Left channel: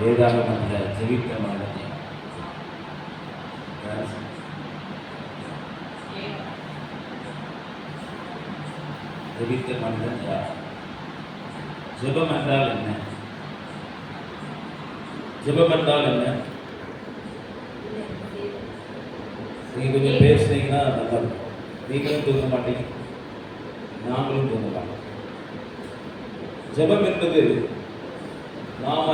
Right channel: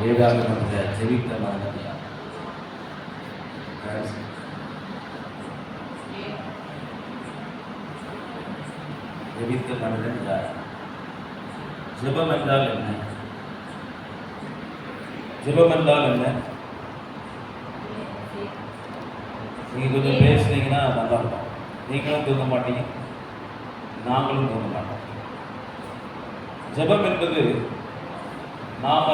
வேதாகமத்தில் ஜெபித்த மனிதன் ஜெபித்த மனிதன் யார்? ஜெபம் என்றால் என்ன? ஜெபம் என்றால் என்ன? நீங்க கொஞ்சம் பேசுனீங்கன்னா நல்லா இருக்கும். நீங்களும் தூங்க மாட்டீங்க, நாங்களும் தூங்க மாட்டோம். ஜெபம் என்பது நாம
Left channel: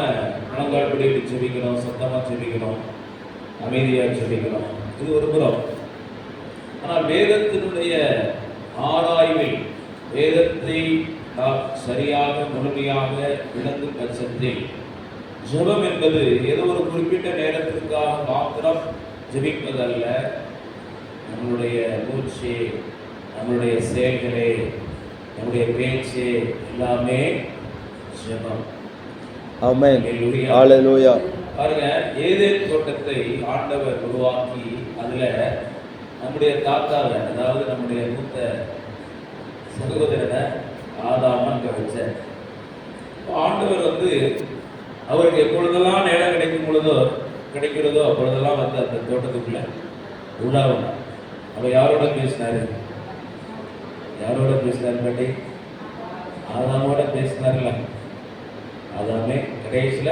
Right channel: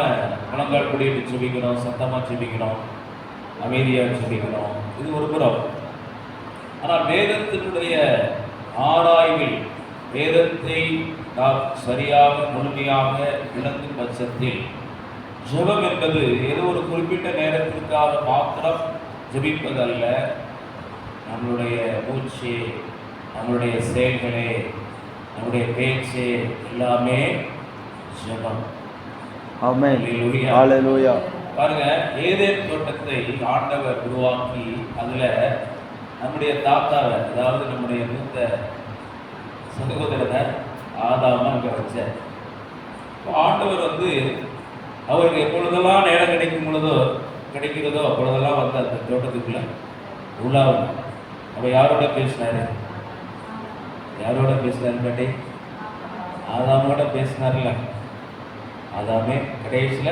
முழங்கால் படியிட்டு ஜெபிக்கிறோம், சத்தமா ஜெபிக்கிறோம், அமைதியாக ஜெபிக்கிறோம், இது ஒரு புறம். ஆனால் வேதத்தினுடைய ஆராய்வில் வேதத்தை நாம் சரியாக முழுமையாக விளங்கும் பட்சத்தில் ஜெபம் என்பது ஏதோ ஒரு குறிப்பிட்ட நேரத்திற்காக மாத்திரம் ஜெபிப்பதல்ல. நம்மளுடைய மூச்சு, நம்மளுடைய செயல்களே, நம்முடைய பேச்சு எல்லாமே ஜெபம். ஆமென். ஹல்லேலூயா. பாருங்க, ஏதேன் தோட்டத்தை ஆண்டவர் உருவாக்கி அதுல நம்முடைய தாத்தாவை, அதாவது நம்முடைய மூத்த சகோதரனை ஆதாம அங்க வச்சார். ஆண்டவர் அவருக்கு எப்பொழுதெல்லாம் நேரம் கிடைக்கிறதோ அப்பொழுதெல்லாம் அந்த தோட்டத்துக்குள்ள உள்ளாவது. அவர் யாரோட பேசினாரு கேட்டி? ஆதாமோட பேசினார்ல. ஆதாமே கடைசியில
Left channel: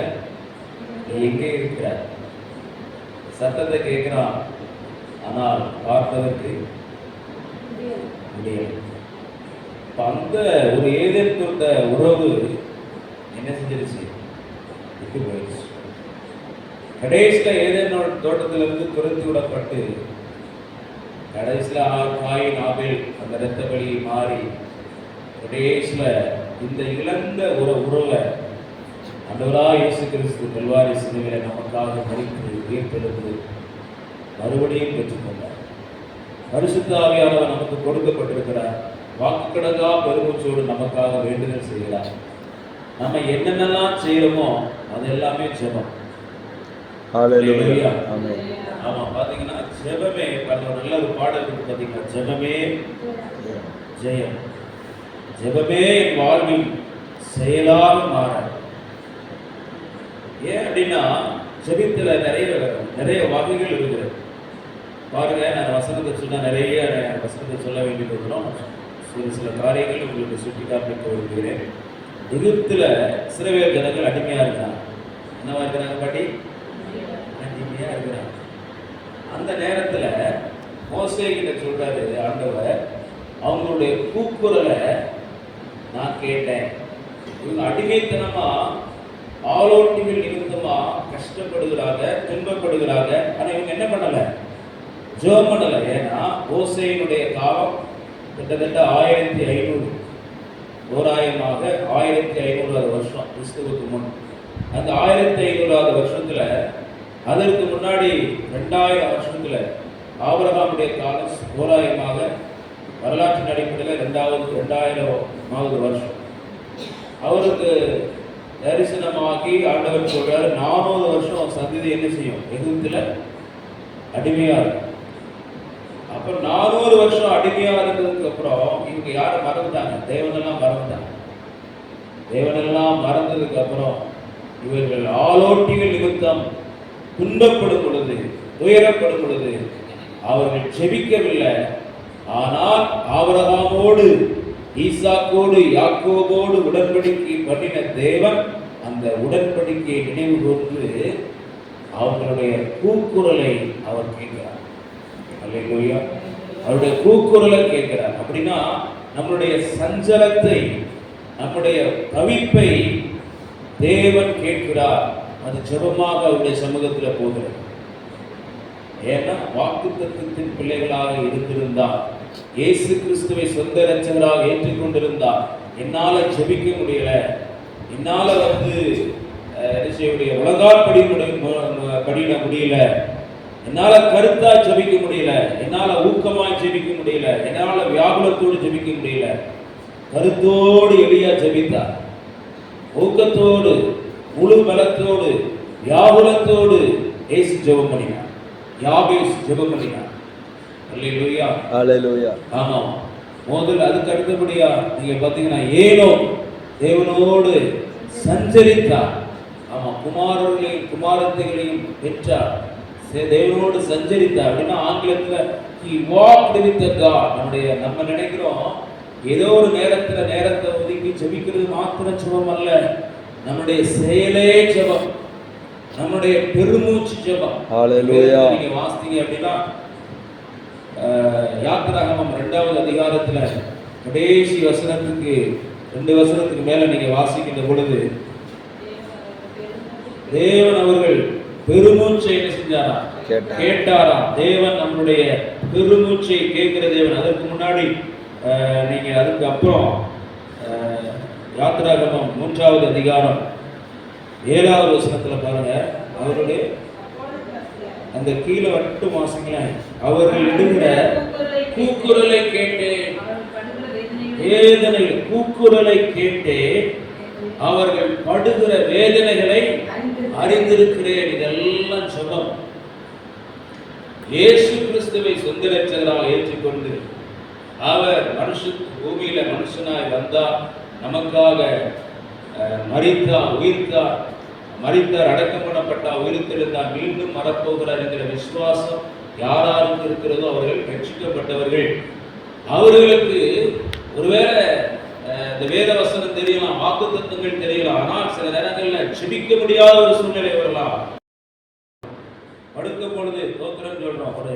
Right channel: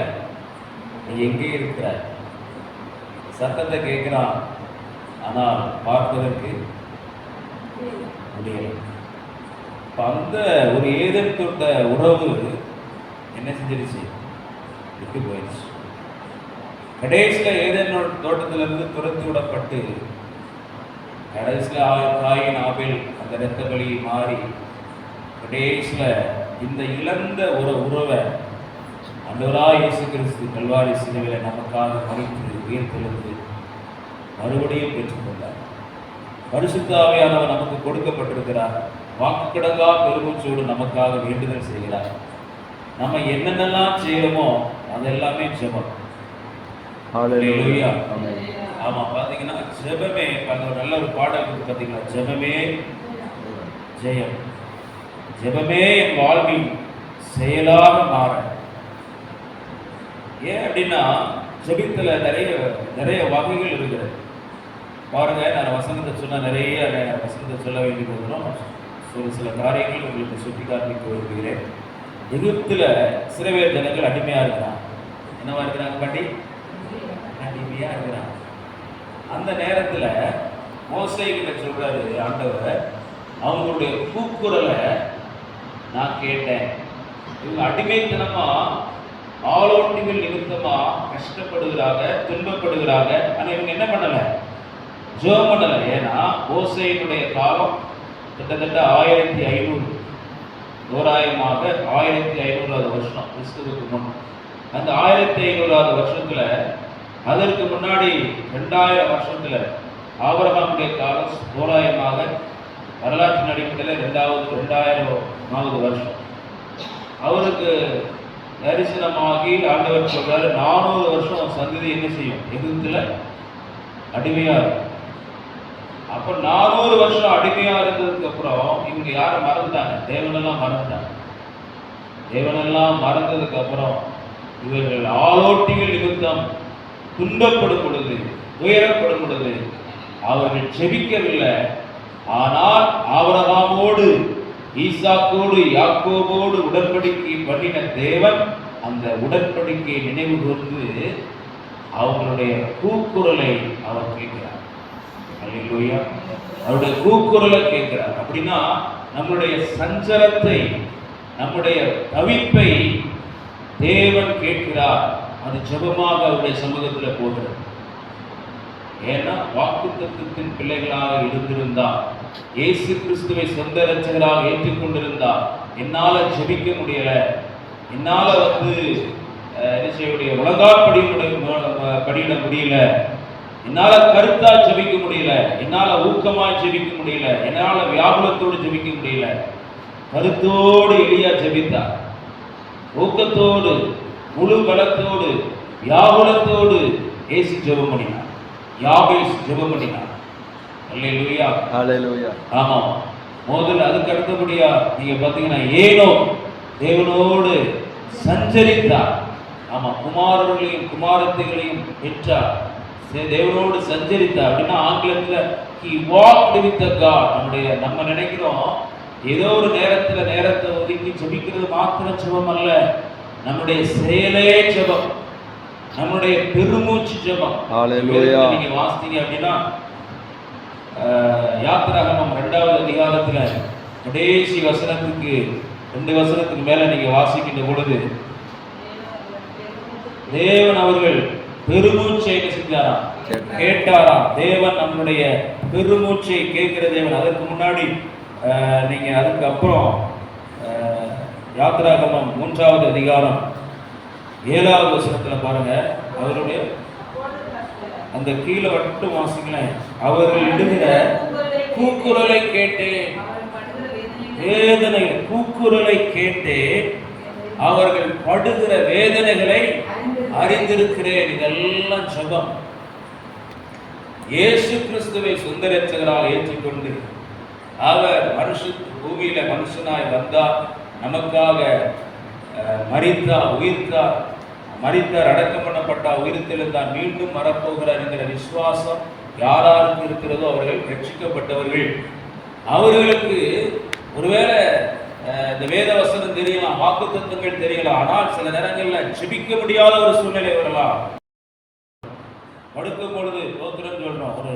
எங்கே இருக்கிறார்? சத்தத்தை கேட்கிறான், ஆனால் பார்ப்பதற்கு முடியல. அந்த ஒரு ஏதேன் தோட்ட உறவு என்ன செஞ்சிருச்சு? விட்டு போயிடுச்சு. கடைசியில ஏதேன் தோட்டத்திலிருந்து துரத்தி விடப்பட்டு கடைசியில காயின் ஆபேல் அந்த இரத்த பலி மாறி கடைசியில இந்த இழந்த ஒரு உறவை ஆண்டவராகிய இயேசு கிறிஸ்து கல்வாரி சிலுவையிலே நமக்காக மரித்து உயிர்த்தெழுந்து மறுபடியும் பெற்றுக்கொண்டார். பரிசுத்த ஆவியானவர் நமக்கு கொடுக்கப்பட்டிருக்கிறார். வாக்குக்கடங்கா பெருமூச்சோடு நமக்காக வேண்டுதல் செய்கிறார். நம்ம என்னென்னலாம் செய்யணுமோ அதெல்லாமே ஜெபம். ஹல்லேலூயா. ஆமென். ஆமா, பாத்தீங்கன்னா ஜெபமே, நல்ல ஒரு பாடல் இருக்கு பாத்தீங்கன்னா, ஜெபமே ஜெயம், ஜெபமே வாழ்வில் செயலாக மாற. ஏன் அப்படின்னா ஜெபித்துல நிறைய வகைகள் இருக்கிறது. பாருங்க, நான் வசனத்தை சொன்னா நிறைய வசனத்தை சொல்ல வேண்டியது வந்துடும். சில காரியங்கள் உங்களுக்கு சுட்டி காண்பிக்க விரும்புகிறேன். எகிப்துல இஸ்ரவேல் ஜனங்கள் அடிமையா இருக்கிறாங்க. என்னவா இருக்கிறாங்க பாட்டி? அடிமையா இருக்கிறாங்க. அந்த நேரத்துல மோசேகிட்ட சொல்றாரு ஆண்டவர், அவங்களுடைய கூக்குரலை நான் கேட்டேன். இவங்க அடிமைத்தனமா ஆலோட்டிகள் நிமித்தமா கஷ்டப்படுகிறாங்க, துன்பப்படுகிறாங்க. ஆனா இவங்க என்ன பண்ணல? ஜெபம் பண்ணல. ஏன்னா மோசேயினுடைய காலம் கிட்டத்தட்ட 1500, தோராயமாக 1500வது வருஷம் கிறிஸ்துவுக்கு முன். அந்த 1500வது வருஷத்துல, அதற்கு முன்னாடி 2000 வருஷத்துல ஆபிரகாமுடைய காலம் தோராயமாக வரலாற்றின் அடிப்படையில் 2000வது வருஷம். அவருக்கு தரிசனமாகி ஆண்டவர் சொல்றாரு, 400 வருஷம் சந்ததி என்ன செய்யும்? எகிப்துல அடிமையா இருக்கும். அப்ப 400 வருஷம் அடிமையா இருந்ததுக்கு அப்புறம் இவங்க யாரை மறந்துட்டாங்க? தேவனெல்லாம் மறந்ததுக்கு அப்புறம் இவர்கள் ஆலோட்டிகள் நிமித்தம் துன்பப்படும் பொழுது, துயரப்படும் பொழுது அவர்கள் ஜெபிக்கவில்லை. ஆனால் ஆபிரகாமோடு, ஈசாக்கோடு, யாக்கோபோடு உடன்படிக்கை பண்ணின தேவன் அந்த உடன்படிக்கையை நினைவு கூர்ந்து அவங்களுடைய கூக்குரலை அவர் கேட்கிறார். அல்லேலூயா. அவருடைய கூக்குரலை கேட்கிறார். அப்படின்னா நம்முடைய சஞ்சலத்தை, நம்முடைய தவிப்பை தேவன் கேட்கிறார். அது ஜெபமாக அவருடைய சமூகத்தில் போகிறது. ஏன்னா வாக்குத்தத்தத்தின் பிள்ளைகளாக இருந்திருந்தால், இயேசு கிறிஸ்துவை சொந்த இரட்சகராக ஏற்றுக்கொண்டிருந்தால், என்னால ஜெபிக்க முடியல, என்னால உலகால் படியிட முடியல, என்னால கருத்தா ஜெபிக்க முடியல, என்னால ஊக்கமா ஜெபிக்க முடியல, என்னால வியாகுலத்தோடு ஜெபிக்க முடியல. கருத்தோடு எலியா ஜெபித்தார். ஊக்கத்தோடு, முழு பலத்தோடு, வியாகுலத்தோடு இயேசு ஜெபம் பண்ணினார். யாபேஸ் ஜெபம் பண்ணினார். அல்லேலூயா. ஹல்லேலூயா. ஆமா, முதல்ல அதுக்கு அடுத்தபடியா நீங்க பாத்தீங்கன்னா ஏனோ தேவனோடு சஞ்சரித்தார். ஆமா, குமாரர்களையும் குமாரத்தைகளையும் பெற்றார், தேவனோடு சஞ்சரித்தார். அப்படின்னா ஆங்கிலத்தில் he walked with God. நம்ம நினைக்கிறோம் ஏதோ ஒரு நேரத்தை ஒதுக்கி ஜெபிக்கிறது மாத்திரம் ஜெபம் அல்ல, நம்முடைய செயலே ஜெபம், நம்முடைய பெருமூச்சு ஜெபம். ஹalleluya. நீங்க வாசித்தீங்க அப்படின்னா யாத்திராகமம் 2வது அதிகாரத்துல கடைசி வசனத்துக்கு 2 வசனத்துக்கு மேல நீங்க வாசிக்கின்ற பொழுது தேவன் அவர்கள் பெருமூச்சை என்ன செஞ்சாரா? கேட்டாரா? தேவன் நம்முடைய பெருமூச்சை கேட்கிற தேவன். அதற்கு முன்னாடி நீங்க அதுக்கு அப்புறம் யாத்திராகமம் 3வது அதிகாரம் 7வது வசனத்துல பாருங்க, அவருடைய அந்த கீழே மட்டும் வாசிங்களேன். அவர்கள் இடுகிற கூக்குரலை கேட்டு, வேதனை கூக்குரலை கேட்டு அவர்கள் படுகிற வேதனைகளை அறிந்திருக்கிறேன். இதெல்லாம் ஜெபம். இயேசு கிறிஸ்துவை சொந்த இரட்சகராக ஏற்றுக்கொண்டு அவர் பூமியில மனுஷனாய் வந்தார், நமக்காக மரித்தார், உயிர்த்தார், அடக்கம் பண்ணப்பட்டார், உயிர்த்தெழுந்தார், மீண்டும் வரப்போகிறார் என்கிற விசுவாசம் யாராருக்கு இருக்கிறதோ அவர்கள் ரட்சிக்கப்பட்டவர்கள். அவர்களுக்கு ஒருவேளை இந்த வேத வசனம் தெரியலாம், வாக்குத்தத்தங்கள் தெரியலாம், ஆனால் சில நேரங்களில் ஜெபிக்க முடியாத ஒரு சூழ்நிலை வரலாம். படுக்கும் பொழுது தோத்திரம் சொல்றோம், ஒரு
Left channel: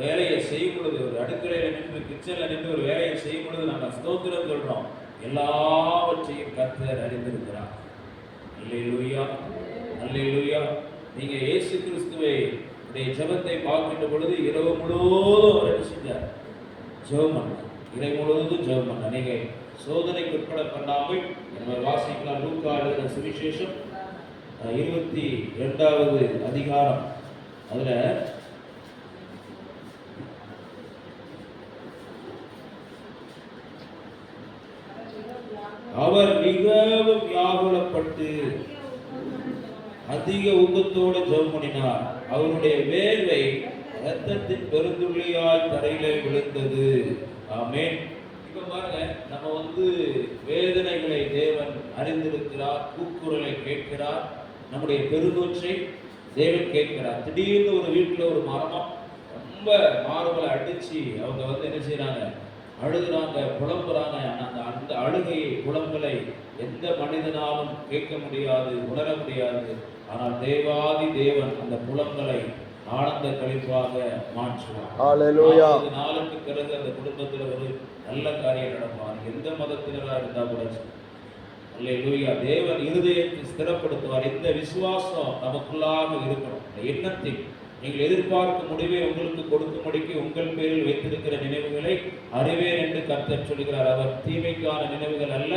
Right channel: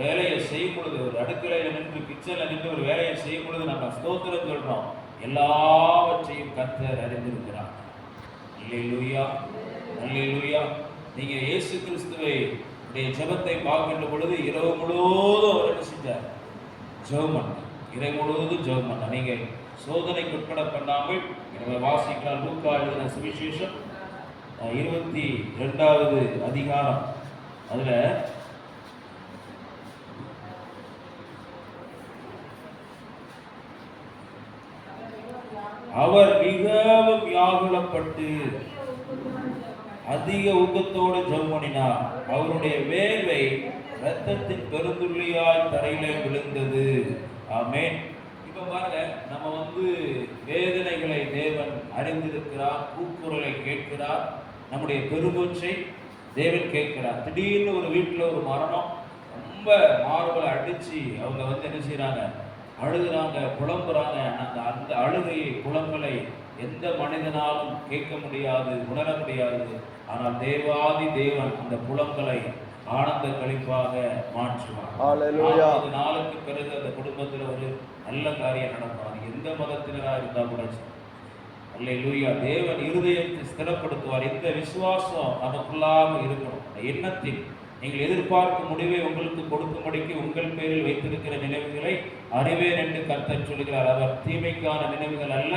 வேலையை செய்யும் பொழுது, ஒரு அடுக்கலையில நின்று கிச்சன்ல நின்று ஒரு வேலையை செய்யும் பொழுது நம்ம ஸ்தோத்திரம் சொல்றோம். எல்லாவற்றையும் கர்த்தர் அறிந்திருக்கிறார். அல்லேலூயா, அல்லேலூயா. நீங்க இயேசு கிறிஸ்துவை ஜெபத்தை பார்க்கின்ற பொழுது இரவு முழுவதும் அவர் என்ன செஞ்சார்? ஜெபம் பண்ணார். இரவு முழுவதும் ஜெபம் பண்ணார். நீங்க சோதனைக்கு உட்பட பண்ணாமல் வாசிக்கலாம். லூக்கா எழுதின சுவிசேஷம் 22வது அதிகாரம், அதுல அவர் மிகவும் வியாகுலப்பட்டு அதிக ஊக்கத்தோடு ஜெபம் பண்ணினார். அவருடைய வேர்வை இரத்தத்தின் பெருந்துள்ளியாய் தரையிலே விழுந்தது. ஆமென். இப்ப பாருங்க, நம்ம வேதனைகளை தேவன் அறிந்திருக்கிறார், கூக்குரலை கேட்கிறார், நம்முடைய பெருமூச்சை தேவன் கேட்கிறார். திடீர்னு ஒரு வீட்டுல ஒரு மரணம், ரொம்ப மார்பலை அடிச்சு அவங்க என்ன செய்யறாங்க? அழுகுறாங்க, புலம்புறாங்க. அந்த அழுகையை, புலம்பலை எந்த மனிதனாலும் கேட்க முடியாது, உணர முடியாது. ஆனால் தேவாதி தேவன் அந்த புலம்பலை ஆனந்த கழிப்பாக மாற்றுவார். ஹalleluya. இந்த நாளுக்கு பிறகு அந்த குடும்பத்தில் ஒரு நல்ல காரியம் நடப்பார். எந்த மதத்தினராக இருந்தா கூட அல்லேலூயா. தேவன் இருதயத்தை ஸ்திரப்படுத்துவார். இந்த விசுவாசம் நமக்குள்ளாக இருக்கும். இந்த எண்ணத்தில் நீங்கள் எதிர்பார்க்கும் முடிவை உங்களுக்கு கொடுக்கும்படிக்கு உங்கள் பேரில் வைத்திருக்கிற நினைவுகளை அறிவேன் என்று கர்த்தர் சொல்கிறார். அவர் தீமைக்கான நினைவுகள் அல்ல,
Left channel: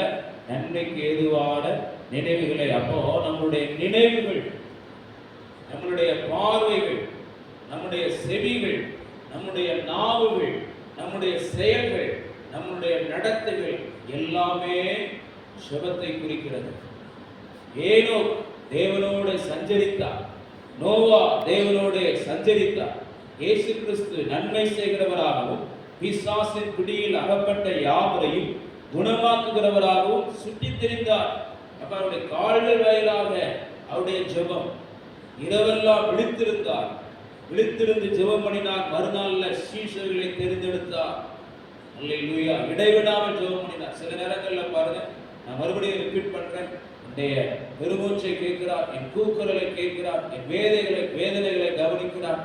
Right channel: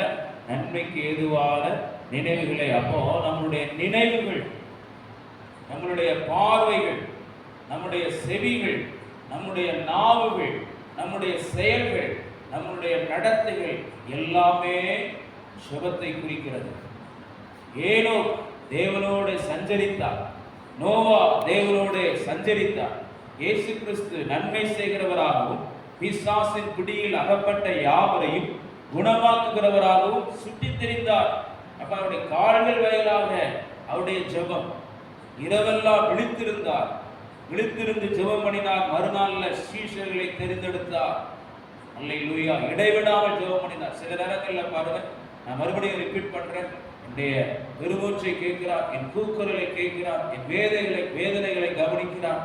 நன்மைக்கு ஏதுவான நினைவுகளை. அப்போ நம்முடைய நினைவுகள், நம்மளுடைய பார்வைகள், நம்முடைய செவிகள், நம்முடைய நாவுகள், நம்முடைய செயல்கள், நம்முடைய நடத்தைகள் எல்லாமே சுபத்தை குறிக்கிறது. ஏனோ தேவனோடு சஞ்சரித்தார், நோவா தேவனோடு சஞ்சரித்தார். இயேசு கிறிஸ்து நன்மை செய்கிறவராகவும் பிசாசின் பிடியில் அகப்பட்ட யாவரையும் குணமாக்குகிறவராகவும் சுற்றித் திரிந்தார். அவருடைய கால்கள் வாயிலாக அவருடைய ஜெபம். இரவெல்லாம் விழித்திருந்தார், விழித்திருந்து ஜெபம் பண்ணினார். மறுநாள்ல சீஷர்களை தெரிந்தெடுத்தார். அல்லேலூயா. இடைவிடாமல் ஜெபம் பண்ணினார். சில நேரங்கள்ல பாருங்க, நான் மறுபடியும் ரிப்பீட் பண்றேன், என்னுடைய பெருமூச்சை கேட்கிறார், என் கூக்குரலை கேட்கிறார், என் வேதனைகளை கவனிக்கிறார்,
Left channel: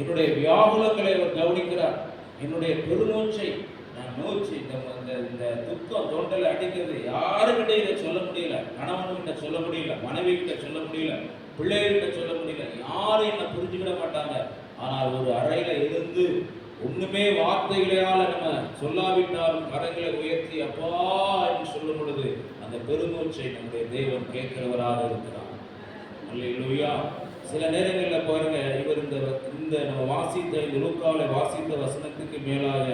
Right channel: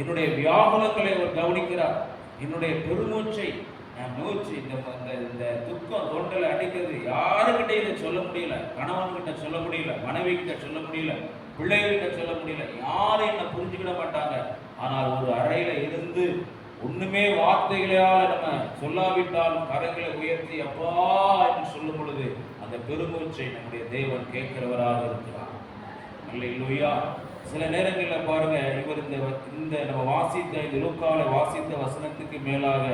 என்னுடைய வியாகுலங்களை அவர் கவனிக்கிறார். என்னுடைய பெருமூச்சை நான் மூச்சு, இந்த துக்கம் தொண்டலை அடிக்கிறது, யாருக்கிட்ட இதை சொல்ல முடியல, கணவன்கிட்ட சொல்ல முடியல, மனைவி கிட்ட சொல்ல முடியல, பிள்ளைகிட்ட சொல்ல முடியல, யாரும் என்ன புரிஞ்சுக்கிட மாட்டாங்க. ஆனால் ஒரு அறையில இருந்து ஒண்ணுமே வார்த்தைகளால் நம்ம சொல்லாவிட்டாலும் கரங்களை உயர்த்தி அப்பா என்று சொல்லும் பொழுது அந்த பெருமூச்சை நம்முடைய தேவன் கேட்கிறவராக இருக்கிறார். அல்லேலூயா. சில நேரங்களில் பாருங்க, இவர் இந்த நம்ம வாசித்த இந்த லூக்காவை வாசித்த வசனத்துக்கு மேலாக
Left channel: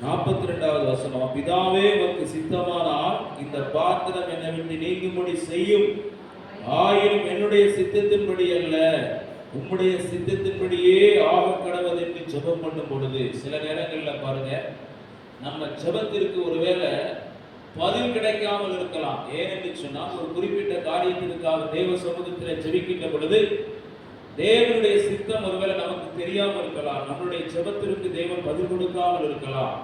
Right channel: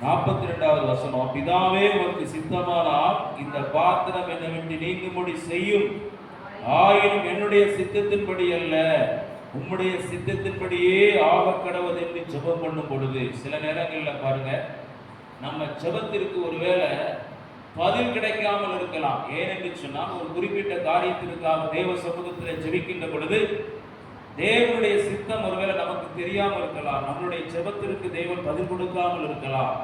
42வது வசனம், பிதாவே உமக்கு சித்தமானால் இந்த பாத்திரம் என்னை விட்டு நீங்கும்படி செய்யும், ஆயினும் என்னுடைய சித்தத்தின்படி அல்ல உம்முடைய சித்தத்தின்படியே ஆக கடவுள் என்று ஜெபம் பண்ணும் பொழுது சில நேரங்கள்ல பாருங்க, நம்ம ஜெபத்திற்கு ஒருவேளை பதில் கிடைக்காமல் இருக்கலாம். ஏனென்று சொன்னால் ஒரு குறிப்பிட்ட காரியத்திற்காக தேவ சமூகத்தில் ஜெபிக்கின்ற பொழுது தேவனுடைய சித்தம் ஒருவேளை நமக்கு தெரியாமல் இருக்கலாம். நம்மளுடைய ஜெபத்திற்கு தேவன் பதில் கொடுக்காமல் இருக்கலாம்.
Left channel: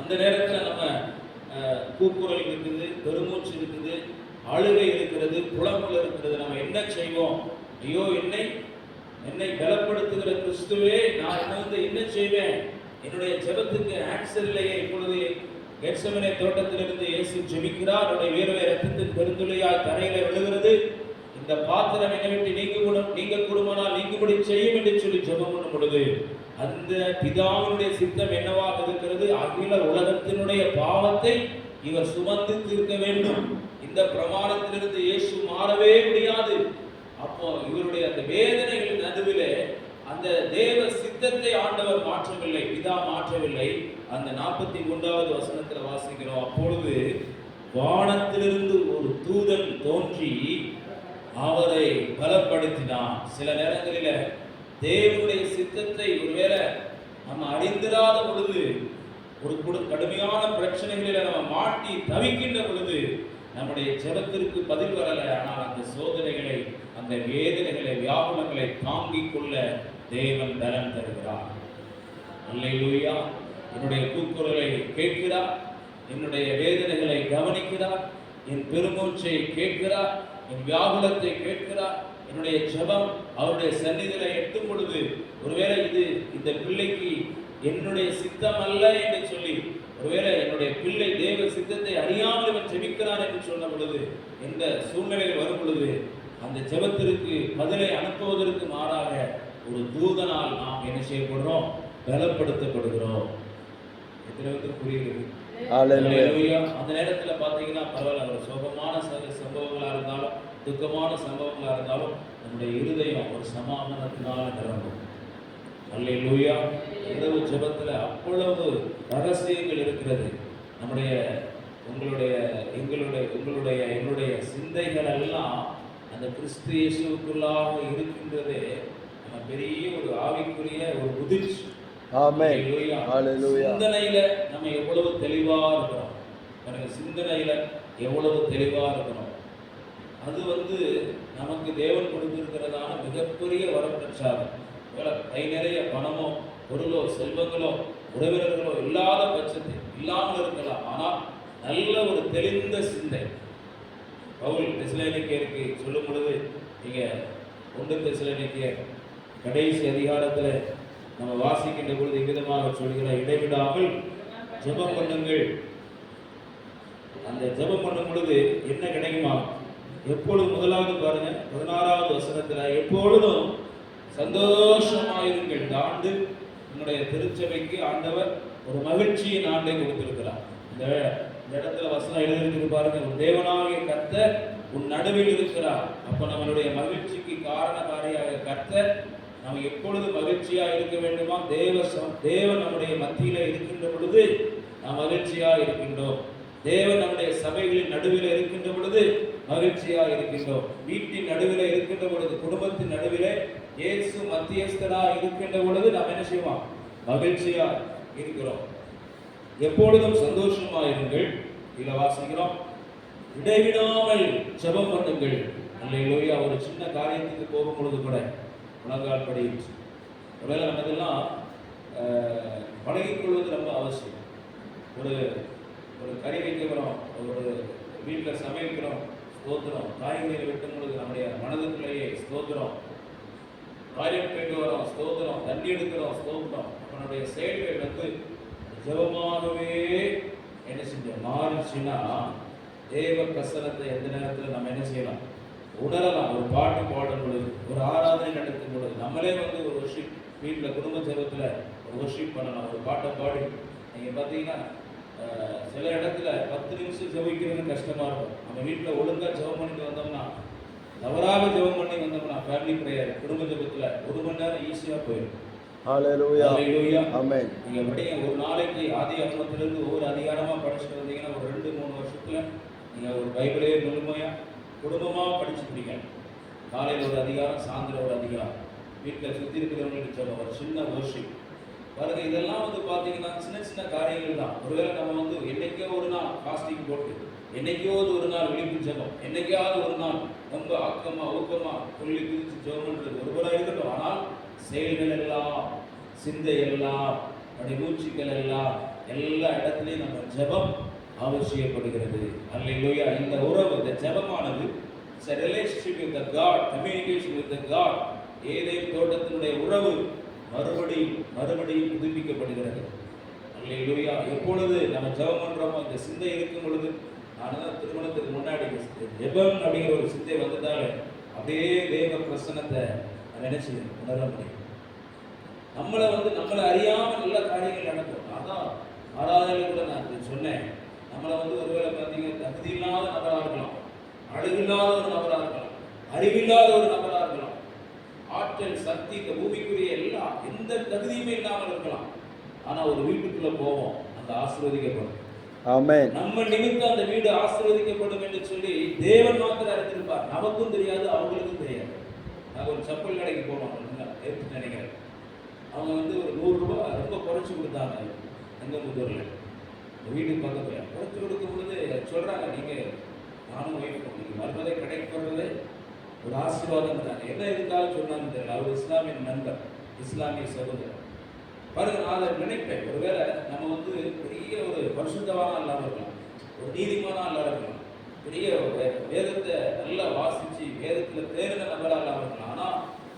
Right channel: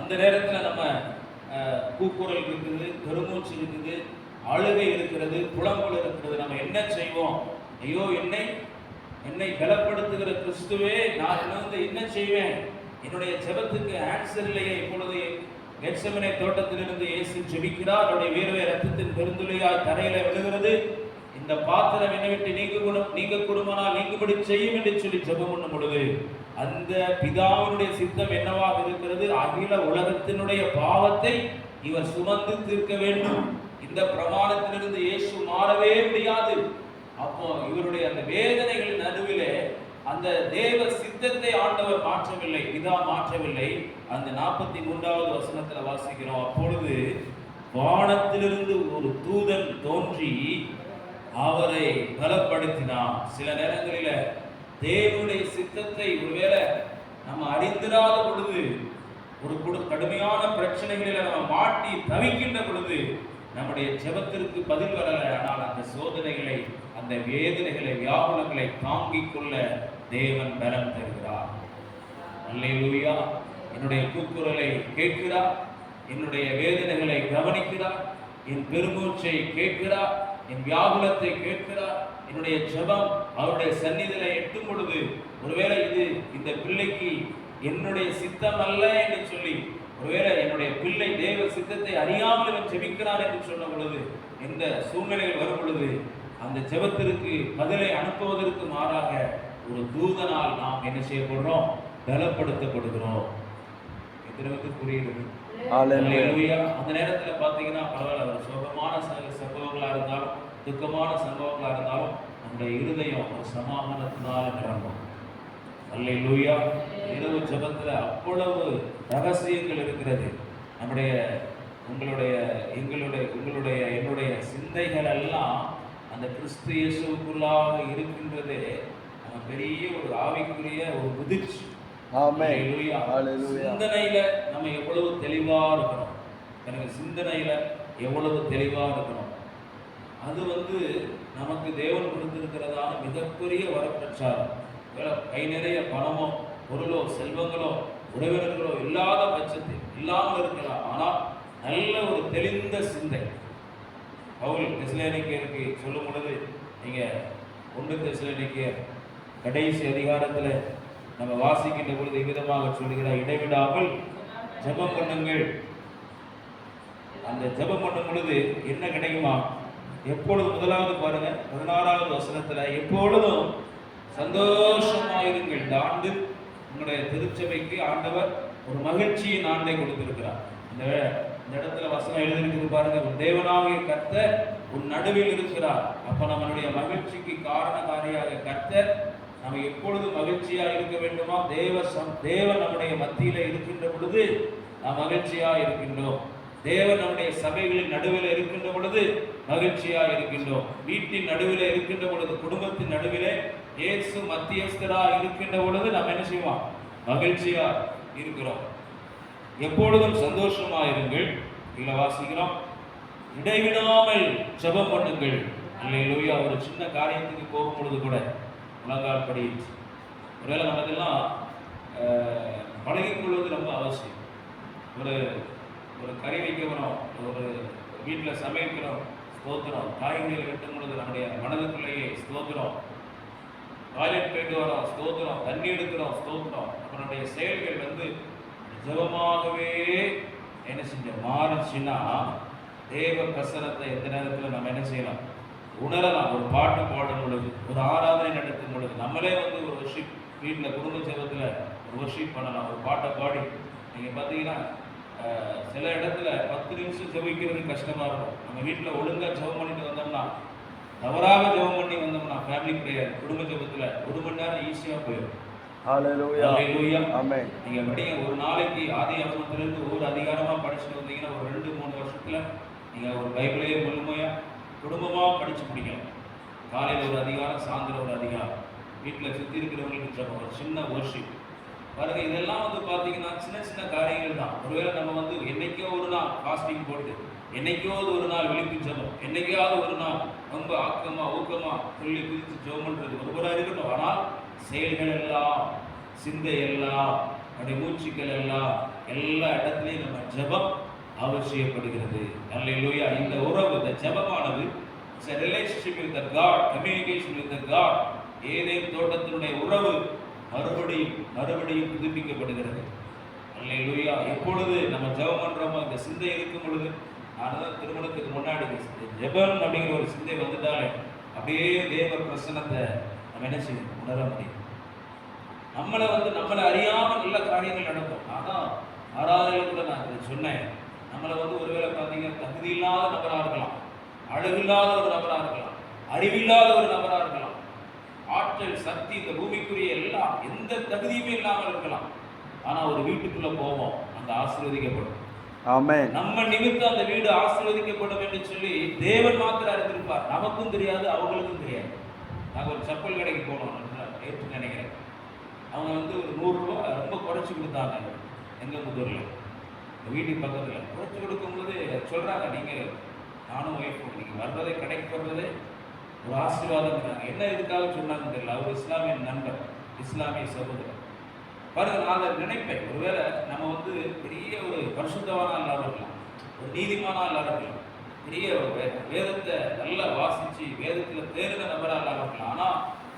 அந்த நேரத்தில் நம்ம கூக்குரல் இருக்குது, பெருமூச்சு இருக்குது, அழுகை இருக்கிறது, புலம்பல் இருக்கிறது. நம்ம என்ன செய்வோம்? ஐயோ, என்னை பலப்படுத்துகிற கிறிஸ்துவே, நான் என்ன செய்வேன்? என்னுடைய ஜெபத்துக்கு ஆன்சர் இல்லையே. இப்பொழுது கெத்செமனே தோட்டத்திலிருந்து இயேசு ஜெபிக்கிறார். அவருடைய வேர்வை ரத்தத்தின் பெருந்துளையாய் தரையில விழுகிறது. இந்த பாத்திரம் என்னை விட்டு நீங்க கூடுமானால் நீங்கும்படி செய்யும் என்று சொல்லி ஜெபம் பண்ணும் பொழுது அந்த பிதாவினுடைய சித்தம் என்னவாக இருக்கிறது? அகில உலகத்தினுடைய பாவத்தை இவர் சுமந்து தீர்க்க வேண்டும். இந்த பிரமாணத்திலிருந்து இயேசு மாறவே முடியாது. அப்போ இவருடைய அந்த வேதனைகளின் நடுவிலே அந்த தேவ சித்தத்தை ஆண்டவர் மாற்றவில்லை, பிதா மாற்றவில்லை. அந்த 43வது வசனத்துல வாசிக்கிறோம். அப்பொழுது வானத்திலிருந்து ஒரு தூதன் தோன்றி அவரை பலப்படுத்தினான். சில நேரங்களில தேவனுடைய சித்தத்தை ஒருவேளை நம்ம அறிந்திராத பொழுது, ஒரு கடுமையான பிரச்சனைகளில நம்ம மாட்டி தவிக்கின்ற பொழுது நம்முடைய ஜெபத்திற்கு பதில் வரல. ஆனால் அந்த சோதனைகளை, அந்த வேதனைகளை, வியாகுலங்களை தாங்கிக் கொள்ள தேவன் பலம் தருகிறார். அல்லேலூயா. என்னுடைய கூக்குரலை கேட்கிறார், என்னுடைய வேதனைகளை கவனிக்கிறார், என் பெருமூச்சை கேட்கிறார், என் வியாகுலத்தை கேட்கிறார். என்னுடைய ஜெபம் அவருடைய சந்நிதியில எட்டும் பொழுது ஒருவேளை இந்த பிள்ளைக்கு என்னுடைய சித்தம் அல்ல என்று சொல்லி, ஒருவேளை என்னுடைய பிள்ளை தேவ சித்தத்தை அறியாமல் இவன் ஜெபிக்கிறான் என்று சொன்ன பொழுது, எந்த சூழ்நிலையில் வரும் பொழுது அந்த ஜெபத்திற்கு பதிலை அனுப்புவதற்கு மாறாக ஒரு தூதனால் நாம் என்ன செய்யப்படுறோம்? பலப்படுத்தப்படுகிறோம். எத்தனை புரியுது? அந்த நேரத்தில் பார்த்தீங்கன்னா பரவாயில்ல, ஒரு சோகமான சம்பவங்களா இருந்தாலும் துக்கமான சம்பவங்களா இருந்தாலும் நம்முடைய இருதயம் ஒரு சமாதானத்தினால் நிரம்பும். அல்லேலூயா. இரவு ஜெபத்துல அவ்வளவு ரகசியங்கள் இருக்கிறது. என்னுடைய சிந்தைகள் எல்லாம் அந்த கிறிஸ்து இயேசுவுக்குள்ளாக இருக்கின்றதே நம்ம பெரிய ஒரு ஆவிக்குரிய ஒரு முதிர்ச்சி. சிந்தனையில நம்ம எவ்வளவு தெளிவா இருக்கணும், எனக்கு சிந்தனையில எவ்வளவு தெளிவா இருக்கணும். அது நமக்கு தேவன் கொடுத்திருக்கிறதான மிகப்பெரிய வரப்பிரச்சாரம். கை நிறைய பணமோ பொருளோ செல்வங்களோ உறவினர்களோ இல்லாத பட்சத்தில் இல்லாமல் இருக்கலாம், ஆனால் நல்ல ஒரு தெளிந்த சிந்தை. பவுல் தெசலோனிக்கேயருக்கு சொல்லும் பொழுது, நீங்க 1 தெசலோனிக்கேயர் கடைசி அதிகாரத்தில் நம்ம வாசிக்கின்ற பொழுது விதமாக சொல்கிறார், இடைவிடாமல் ஜெபம் பண்ணுங்கள். அந்த ஜெபம் பண்ணும் பொழுது என்ன கிடைக்குமா? எப்பொழுதும், முதலாவது பாருங்க 16வது வசனத்துல, எப்பொழுதும் சந்தோஷமாயிருங்கள். இந்த ஆண்டு உங்களுடைய திருச்சபைக்கு ஆண்டவர் ஒரு மகிழ்ச்சியின் ஆண்டை கொடுத்திருக்கிறார். இந்த இடத்துல வசனம் எழுதிருக்கு பாருங்க, உன் தேவனாகிய கர்த்தர் உன் நடுவில் இருக்கிறார். அப்ப நம்மளுடைய மகிழ்ச்சிக்கு காரணக்காரியாக கர்த்தர் நம்ம எப்பொழுதும் மகிழ்ச்சியா இருக்க வேண்டுமா? தேவன் நம்முடைய மத்தியில இருக்கின்ற பொழுது நாம் மகிழ்ச்சியா இருக்கின்றோம். தேவன் நம்முடைய சபைகளின் நடுவில் இருக்கின்ற பொழுது மகிழ்ச்சியா இருக்கின்றோம். வீட்டின் நடுவில் இருக்கின்ற பொழுது, குடும்பத்தின் நடுவில் இயேசு மத்தியஸ்தரா இருக்கின்ற பொழுது நாம் என்ன செய்வோம்? மகிழ்ச்சியா இருக்கிறோம். எப்பொழுதும் சந்தோஷமா இருங்கள். இதுல வாசிக்கிறோம், இடைவிடாமல் ஜெபம் பண்ணுங்கள். அல்லேலூயா. ஒரு சின்ன காரியத்துக்கு போகும் பொழுது கூட முழங்கால் படி, ஒருவேளை நம்ம இதெல்லாம் பழகிக்கொள்வது ரொம்ப அவசியம். ஒரு கறி வைக்கிறோம், ஒரு வீட்டில் சமைக்கிறோம், ஸ்தோத்திரம். காய்கறிகளை வெட்டும் பொழுது நம்முடைய மனதுக்குள்ளேயே ஸ்தோத்திரம். டாய்லெட் போயிட்டு வரோம், ஸ்தோத்திரம். தண்ணி எடுக்கிறோம், ஸ்தோத்திரம். நம்மளுடைய செயல்கள் ஜெபமாகவே என்ன செஞ்சோம் மாறிச்சுன்னா, தேவ பிரசனத்தை எந்த நேரத்தில் நம்ம என்ன செய்யலாம்? உணரலாம். ஒரு பாட்டு பாடும் பொழுது, ஒரு ஆராதனை நடத்தும் பொழுது, நம்மளே ஒரு வர்ஷிப் வீட்டில் குடும்ப ஜெபத்தில் ஒரு வர்ஷிப் பண்ணலாம். ஒரு பாட்டை பாடி நீங்கள் பார்த்தீங்கன்னா சில இடத்துல 10 நிமிஷம் ஜெபிக்கிறது கஷ்டமாக இருக்கும். நம்ம வீட்டில் ஒழுங்காக ஜெபம் பண்ணிட்டு வந்தோம்னா, தவறாக ஜெபம் பண்ணி வந்தோம்னா, ஃபேமிலி ப்ரேயர் குடும்ப ஜெபத்தில் 1 மணி நேரம் ஈஸியாக போயிடும். ஹல்லேலூயா. ஆமென். நீங்க படிங்க, ஒரு நாளைக்கு ஆதியாகமத்திலிருந்து ஒவ்வொரு அதிகாரமா படிச்சுட்டு வந்தீங்கன்னா ஒரு 2-3 வருஷத்துல நீங்க ஒரு பைபிளையே முழுமையா குடும்பமா படிச்சு முடிக்கலாம். காலையில் ஒரு அதிகாரம், சாயந்தரம் ஒரு அதிகாரம், வீட்டில் சுற்றி இருக்கிறவங்களுக்கு ஜெபம், ஒரு சின்ன வர்ஷிப் பாருங்க. இதெல்லாம் பார்த்தீங்கன்னா பார்த்தீங்கன்னா சின்ன சின்ன காரியங்கள் தான். ஒருவேளை நம்ம வந்து என்னைக்கோ ஒரு நாள் ஃபாஸ்டிங் போட்டு, என்னைக்காவது ஒரு நாள் விழிப்பு ஜெபம், என்னைக்காவது ஒரு நாள் ரொம்ப ஆக்கமா ஊக்கமா துள்ளி குதிச்சு ஜெபம் பண்றது ஒருவராக இருக்கட்டும். ஆனால் செயல்கள் எல்லாம், சிந்தை எல்லாம், நம்முடைய மூச்சுக்கள் எல்லாம், எல்லா இடத்துலையும் நம்ம ஜெபம் அவசியப்படுகிறது. அல்லேலூயா. இந்த உறவு, இந்த ஜெபமானது it's a relationship with the God, communication with the God. ஏதேன் தோட்டத்தினுடைய உறவு மறுபடியும் புதுப்பிக்கப்படுகிறது. அல்லேலூயா. எப்பொழுது நம்ம ஜெபம் பண்றோமோ இந்த சிந்தை இருக்கும் பொழுது, நான் திருமணத்துக்கு முன்னாடி ஜெபம் அப்படிங்கிற ஒரு சிந்தை வந்துட்டாலே அப்படியே தேவ பிரசன்னத்தை நம்ம என்ன செய்யணும், உணர முடியும். நம்மளை அறியாமல் நல்ல காரியங்கள் நடக்கும். நான் தான் ஆராதனையில் கூட நான் இதை சொன்னேன். நம்மளை ஒருவேளை பார்த்தீங்கன்னா தகுதி இல்லாத நபராக இருக்கலாம், அழகில்லாத ஒரு நபராக இருக்கலாம், அறிவில்லாத ஒரு நபராக இருக்கலாம், ஆற்றல் சக்தி இந்த பூமிக்குரிய எல்லாம் எந்த தகுதியுமே இல்லாமல் இருக்கலாம். ஆனா ஒரு வீட்டுக்குள்ள போவோம், அந்த ஆசீர்வதிக்கப்படும். ஆமென். நம்ம நிமித்தம் அந்த வீடு ஆசீர்வதிக்கப்படும் என்று சொல்லி தேவன் மாத்திரம் அறிந்திருப்பார். நமக்கும் தெரியாது, அவங்களுக்கும் தெரியாது. நாங்கள் ஒரு செப்பல் கடைக்கு போனோம், ஏற்று நினைக்கிறேன். அவங்க ஒரு 100 ரூபாய் ரொம்ப குறைச்சி கொடுத்தாங்க. எங்க முதல்ல வீட்டுக்கு பக்கத்தில் குறைச்சி கொடுக்கும் பொழுது சொல்றாங்க, நீங்க நானும் ஒய்ஃபும் நீங்க வர்றதே கடைக்கு வர்றதே ஒரு ஆசீர்வாதம். என்ன இதுக்காக சொன்னாங்க தெரியல. அவர் இஸ்லாமிய நண்பர், இஸ்லாமிய சகோதரர். பாருங்க, நான் அதை நினைப்பேன், ஒருவேளை நம்ம பெரிய ஒரு பரிசுத்தவானா இல்லாத இருக்கலாம், ஒரு நீதிமானா இல்லாத இருக்கலாம், பெரிய வேதத்தை நல்லா வாசிச்சு வேதத்தில் தேர்ந்த நபராக இல்லாத இருக்கலாம். ஆனா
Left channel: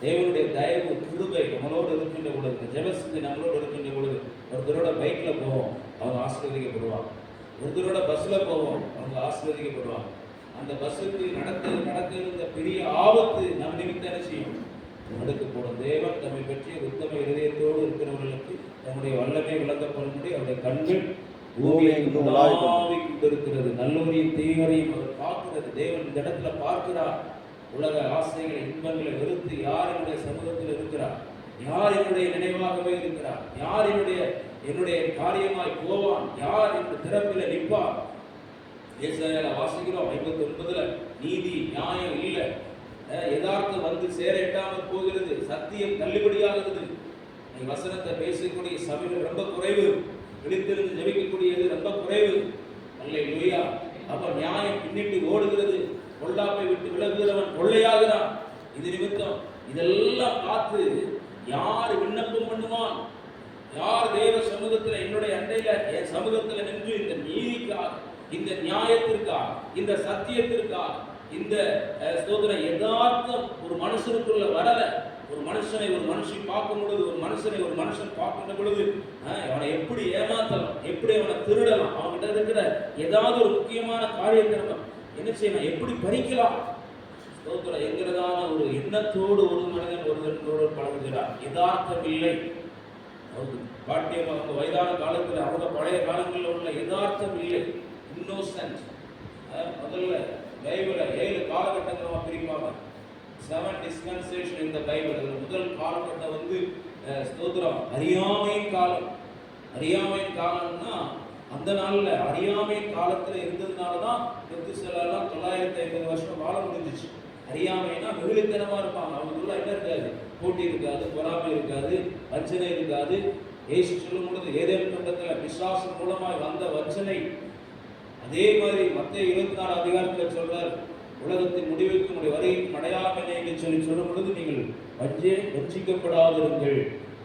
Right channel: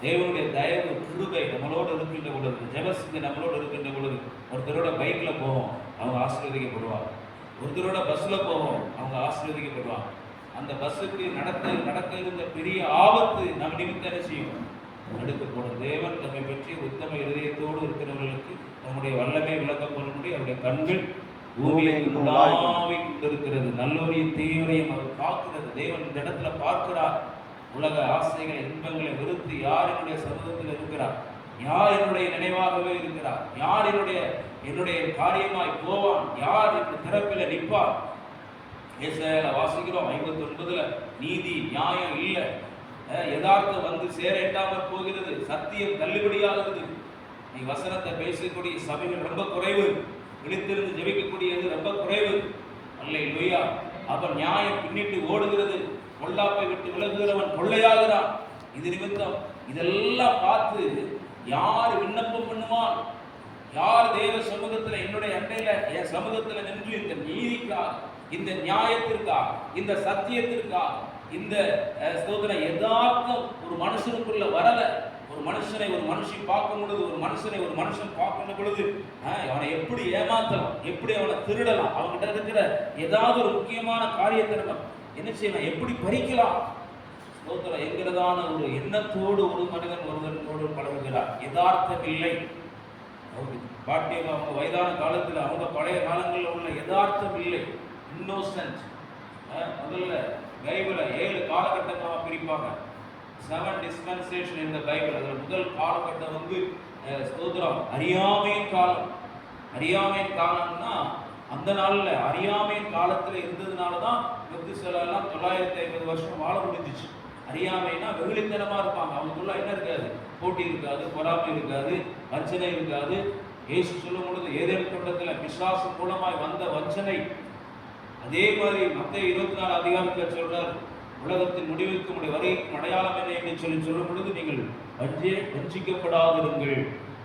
தேவனுடைய தயவு கிருபை நம்மளோடு இருக்கின்ற பொழுது, ஜெபசிங்க நம்மளோடு இருக்கின்ற பொழுது, ஒருத்தரோட பைக்ல போவோம், அவங்க ஆசீர்வதிக்கப்படுவாங்க. ஒருத்தரோட பஸ்ல போவோம், அவங்க ஆசீர்வதிக்கப்படுவாங்க. அந்த பஸ்ஸுக்கு நடக்க இருந்த பெரிய ஆபத்து நம்ம நிமித்தம் என்ன செய்யும், எடுக்கப்படும். தேவன் நம்மை பற்றி உத்தம இதயத்தோடு இருக்கிறவர்களுக்கு நம்முடைய வல்லமை விளக்கப்படும். அவருடைய கண்கள் பூமியெங்கும் உலாவிக் கொண்டிருக்கிறது. நல்லோரையும் தீயோரையும் அவர் பார்க்கிறது. தேவன் இந்த இடத்துல பார்க்கிறார். உலக ஆசைகளை, இன்பங்களை வெறுத்து யார் என்னுடைய சமூகத்தில் இருக்கிறார், யார் என்னுடைய நினைவாகவே இருக்கிறார், யார் என்னுடைய காரியமாய் போவான், யார் இந்த திறப்பில் நிற்பார். ஏசாயால வாசிக்கிறோம் 59ல நீதி நியாயம் இல்லை, யதார்த்தம் சேர எட்டாமல் போகிறது, சத்தியம் தள்ளுபடியாகிறது. நீ வசனத்தை பேசக்கூடிய சபைகள் ரொம்ப குறைவு, விழித்திருந்து ஜெபிக்கக்கூடியது ரொம்ப குறைவு. அல்லேலூயா. அப்ப நியாயம் பின்னிட்டு ஓடுகிறது, பொல்லாப்பை விட்டு விலகுகிறவன் கொள்ளையாகிறான். இது நிமித்தம் இதெல்லாம் பார்த்து யார் விண்ணப்பம் பண்ணுவான், யார் தேவ சமூகத்தில் என்னுடைய அண்டையில என் சமூகத்தில் நின்று இந்த நீதிக்காக, இந்த நியாயத்திற்காக, இந்த சத்தியத்திற்காக, இந்த ஸ்தோத்திர யதார்த்தம் ஒரு மனுஷனுக்குள்ள வரல. ஒரு மனுஷன் பார்க்கும் பொழுது, ஒரு மனுஷன் பார்க்கும் பொழுது அவனை எப்படி ஏமாத்தலாம், எப்படி அவனை திருடலாம், அவன்கிட்ட இருக்கிற ஏதாவது ஒரு முக்கியமான காரியத்தை நம்ம என்ன செய்யலாம், எப்படி பறிக்கலாம், ஸ்தோத்திரம் என்கிறதான ஒரு எண்ணத்தோடு ஒரு மனிதன் ஒருவனோடு பழகுகிறார். யதார்த்தம் இல்லை. பாட்டியம் அவங்க வயதான காலத்தில், அவங்க பழைய காலங்களில் உள்ள யதார்த்தம் இல்லை, இன்னோசன்ட். முதல்ல பைபிளை 7 காலகட்டங்களாக பிரிப்பாங்க. 7 dispensation in the Bible. அதில் முதல் காலகட்டம் ஸ்தோத்திரம் அறியாமையின் காலம். அறியாமையின் காலம்னா அந்த நாளில் அறியாமையின் காலத்தில் இருந்ததுனால தான் மெத்துசெலாம் 950 வருஷம் வாழ முடிஞ்சிச்சு. அறியாமைனா வெகுளித்தனமாக இருப்பாங்க. அவங்களுக்குள்ள என்ன இருக்காது, போட்டி இருக்காது, பொறாமை இருக்காது, வஞ்சனை இருக்காது. ஏசு சொல்லும் பொழுது ஏதேன் தோட்டத்தில் பிசாசு மூலமாய் வந்த வஞ்சனை, அதே மாதிரி மத்தேயு 24 அதிகாரத்தில் சொல்றார், உலகத்தின் முடிவுக்கும் வருகைக்கும் அடையாளம் என்ன என்று சொல்லும் பொழுது நீங்கள் வஞ்சிக்கப்படாதிருங்கள்.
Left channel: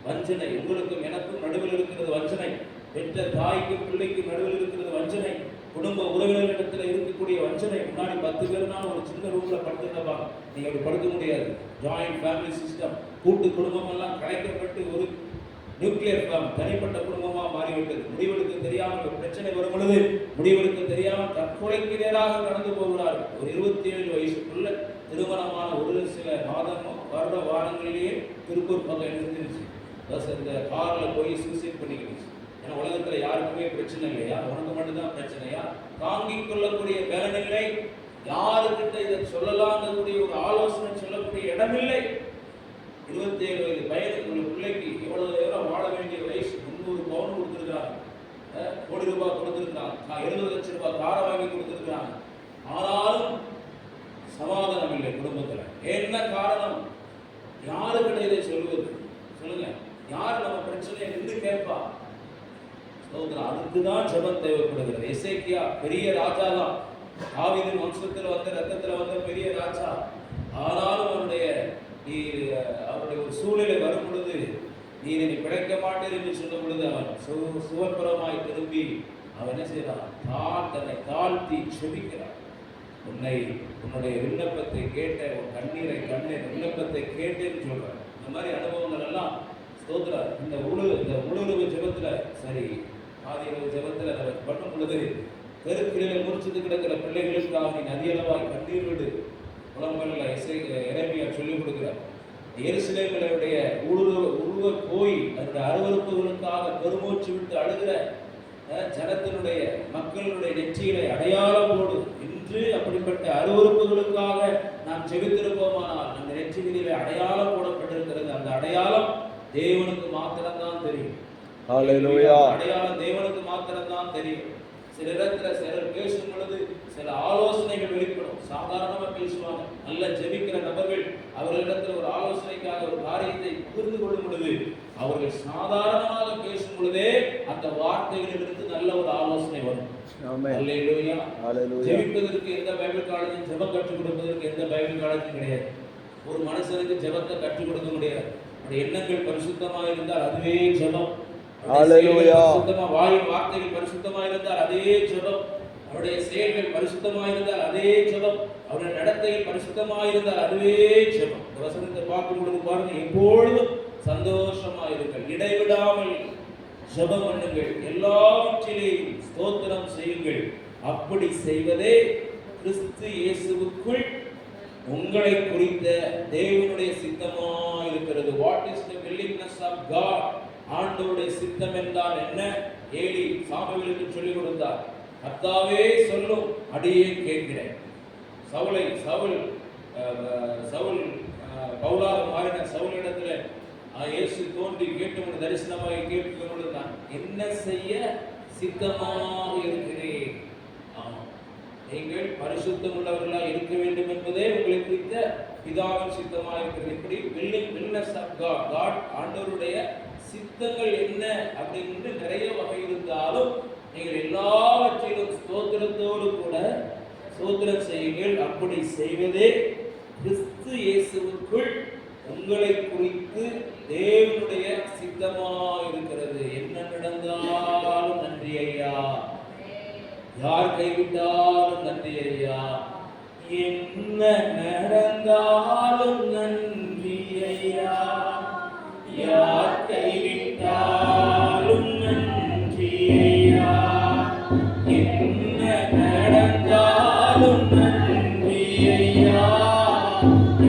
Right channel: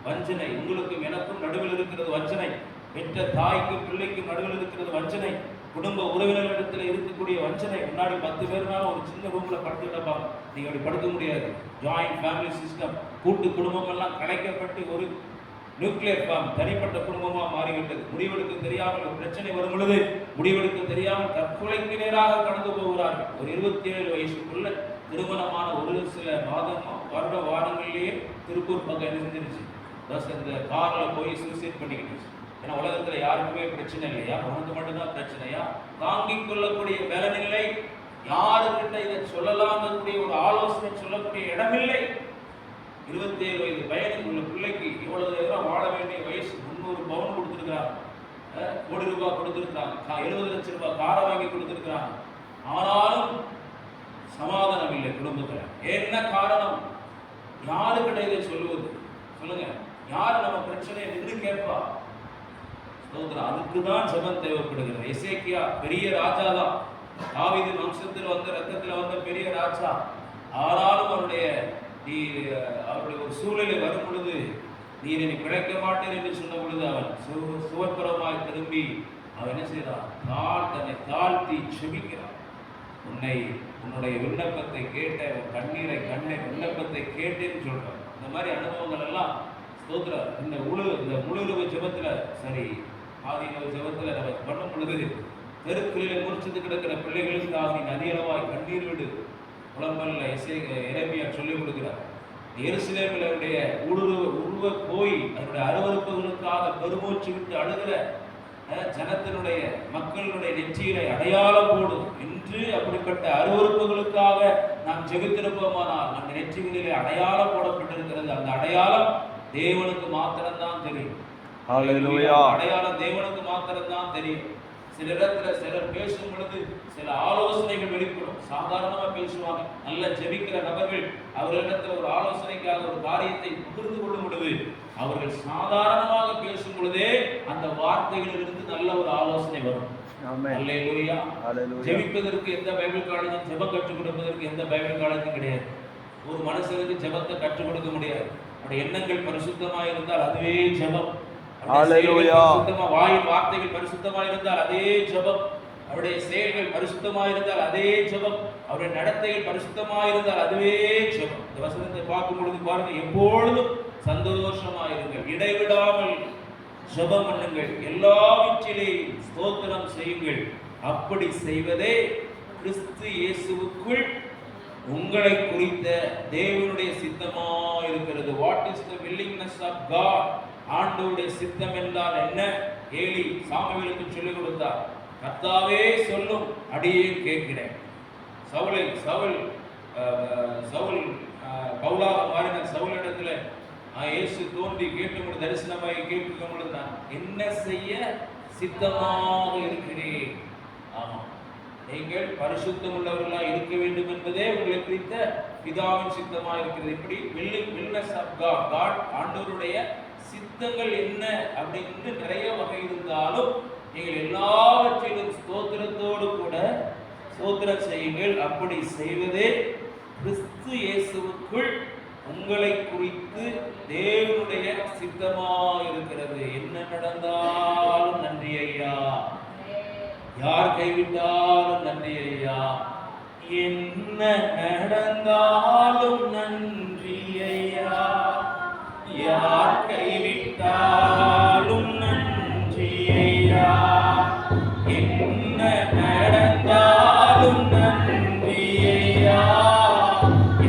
வஞ்சனை உங்களுக்கும் எனக்கும் நடுவில் இருக்கிறது வஞ்சனை, பெற்ற தாய்க்கும் பிள்ளைக்கும் நடுவில் இருக்கிறது வஞ்சனை, குடும்ப உறவினர்களிடத்தில் இருக்கக்கூடிய வஞ்சனை. முன்னாடி 10 பேர்னால ஒரு சின்ன ரூம்ல படுத்துக்கிட்டப்பாங்க, நீங்க அப்படி படுக்க முடியாது. ஜாயிண்ட் ஃபேமிலி சிஸ்டம், கூட்டு குடும்பம் எல்லாம் கலைக்கப்பட்டு ஒரு நியூக்ளியர் ஃபார்ம், தனிப்பட்ட குடும்பமா மாறிவிட்டது. முடிவெடுக்க தெரியாமல் ஒரு பிரச்சனை வரும் பொழுது முடிவெடுக்க தெரியாமல் தற்கொலைக்கு நேராக கடந்து போகிறார்கள். ஒரு 27 வயசுக்குள்ள திருமணமான ஒரு சில வாரங்களிலேயே திருப்பூர் பக்கம் என்ன செஞ்சிருச்சு, இந்த கார்ல போய் சூசைட் பண்ணிக்கிட்டு. ஏன்னா உலகத்துல யாருக்குமே பிரச்சனை இல்லையா, உனக்கு மட்டும்தான் பிரச்சனையா, தாங்கிக் கொள்ளக்கூடிய பலனில்லை, யாருக்கிட்ட இதை சொல்லலாம்னு ஒரு ஆலோசனை சொல்லக்கூடிய இடமில்லை. 27 வயது பையனுக்கு உள்ள பிள்ளைக்கு இவ்வளவு நேரம் வாழ வேண்டிய வயசு, 300 பவுன் கொடுத்துருக்காங்க, ₹1 கோடி கொடுத்துருக்காங்க, 70 லட்சம் ரூபாய் காரை வாங்கி கொடுத்துருக்காங்க. ஆனாலும் சமாதானம் இல்லை குடும்பத்தில். என்ன காரணம்? யாருக்கிட்ட இதை சொல்லுவது? சொல்லுங்க, யார் நம்ம பிரச்சனையை நின்று கேட்பா? ஸ்தோத்திரம். அதுக்குதான் ஜெபம் தேவைப்படுகிறது. எசேக்கியா பெரிய ராஜா தான், தாவீது வம்சத்தில் வந்த ரத்தத்தில் வந்த பெரிய ராஜா. ஆனாலும் அவருடைய ஒரு சூழ்நிலை வரும் பொழுது, நீர் என்னை பிழைக்க மாட்டேன் என்று சொன்ன பொழுது அவன் சுவர்புறமாய் திரும்பி அவன் என்ன செய்யறான்? தன்னை தாழ்த்தி செபிக்கிறான். உன்னுடைய விண்ணப்பத்தை கேட்ட, கண்ணீரை விண்ணப்பத்தை கேட்டேன்னு சொல்றான். இந்த மாதிரி அனுபவங்கள் எல்லாம் ஸ்தோத்திரம். இந்த முழுரவு ஜெபத்துல, சரி ஆதிரவு ஜெபத்துல நம்ம பண்ணும் பொழுது, தெருக்களில் முடிச்சது கிடக்கிற பிள்ளைகளுக்காக நீ நதியளவாய் கண்ணீர் விடு. புலம்பல்ல எரேமியா சொல்லிக் கொடுக்கிறார். எருசலேமிலுடைய உருவ போய் அதனுடைய அருவருப்புகளுக்காக பெருமூச்சு விட்டு அழுகிற ஜனத்தினுடைய மக்களுடைய நெற்றியிலே அடையாளம் போடு என்று அப்படிப்பட்ட அருவருப்புகளுக்காக நாம் ஜெபித்திருப்போமானால் அந்த நெற்றிகளிலே அடையாளம் போடப்பட்டிருக்கிறது. அந்த அடையாளம் தேவனுக்கு மாத்திரம்தான் தெரியும். அடையாளம் தேவனுக்கு மாத்திரம்தான் தெரியும். சிலர் பேசும் பொழுது சில ஆலோசனைகள் வெளிப்படும். சாதாரணமா பேசுவாங்க. நல்ல ஜெபிக்கிற நபர்கள் அவர்களிடத்தில் ஒரு ஆலோசனைக்காக ஒரு காரியத்தை புரிந்து கொள்ளும் பொழுது அவர்கள் சாதாரணமாக பேசும் பொழுதே அந்த வார்த்தைகளிலிருந்து நல்ல ஒரு ஆலோசனை வரும். ஜெபிப்பதற்கு எந்த பைபிள் காலேஜும், ஜெபம் கற்றுக் கொடுப்பதற்கு எந்த பைபிள் காலேஜும் கிடையாது. ஒரு மனுஷனுக்கு ஜெபத்தை கற்றுக் கொடுக்க முடியாது. அவருடைய எண்ணங்கள் பரிசுத்தமாக இருந்தால் அதுவே ஜெபம். வாயின் வார்த்தைகள் பரிசுத்தமாக இருந்தால் அதே ஜெபம். அவருடைய செயல்கள் பரிசுத்தமாக இருந்தால் அதே ஜெபம். அவருடைய நடத்தைகள் பரிசுத்தமாக இருந்தால் அதுவே ஜெபம். இந்த வசனத்தை பார்க்கும் பொழுது பாருங்க, எப்பொழுதும் சந்தோஷமாயிருங்கள், இடைவிடாமல் ஜெபம் பண்ணுங்கள், எல்லாவற்றிலேயும் ஸ்தோத்திரம் செய்யுங்கள். அப்படி செய்வதே கிறிஸ்து இயேசுவுக்குள் உங்களை குறித்த தேவனுடைய சித்தமாக இருக்கிறது. What is the willingness of God? ஆண்டவருடைய சித்தம் என்றால் என்ன? ஏலி சாமுவேலுக்கு சொல்லிக் கொடுத்தார். கர்த்தாவே சொல்லும், அடியேன் கேட்கிறேன். சவுல் பவுலாக மாறின சவுலிடத்துல இயேசு தோன்றி கேட்டு தரிசனமாய் கேட்டு நான் என்ன செய்ய சித்தமாக இருக்கிறேன். ஆமா, நீங்கள் பரிசுத்தம் உள்ளவர்களாக இருக்க வேண்டும் என்பதே உங்களை குறித்த பிதாவின் சித்தமாக இருக்கிறது. இப்படி வில்லிங்னஸ் ஆஃப் காட், காட் ஆண்டவருடைய சித்தங்கள் என்ன அப்படின்னு நிறைய வகை இருந்தாலும் நீங்கள் எல்லாவற்றிலும் ஸ்தோத்திரத்தோடு கூட ஸ்தோத்திரம் செய்யுங்கள். அப்படி செய்வதே கிறிஸ்து இயேசுவுக்குள் உங்களை குறித்து தேவனுடைய சித்தமாக இருக்கிறது. என்ன நடந்தாலும் நன்றி ஐயா, யார் கைவிட்டாலும் நன்றி ஐயா, என்ன நடந்தாலும் நன்றி ஐயா, யார் கைவிட்டாலும் நன்றி ஐயா, என்ன நடந்தாலும் நன்றி ஐயா,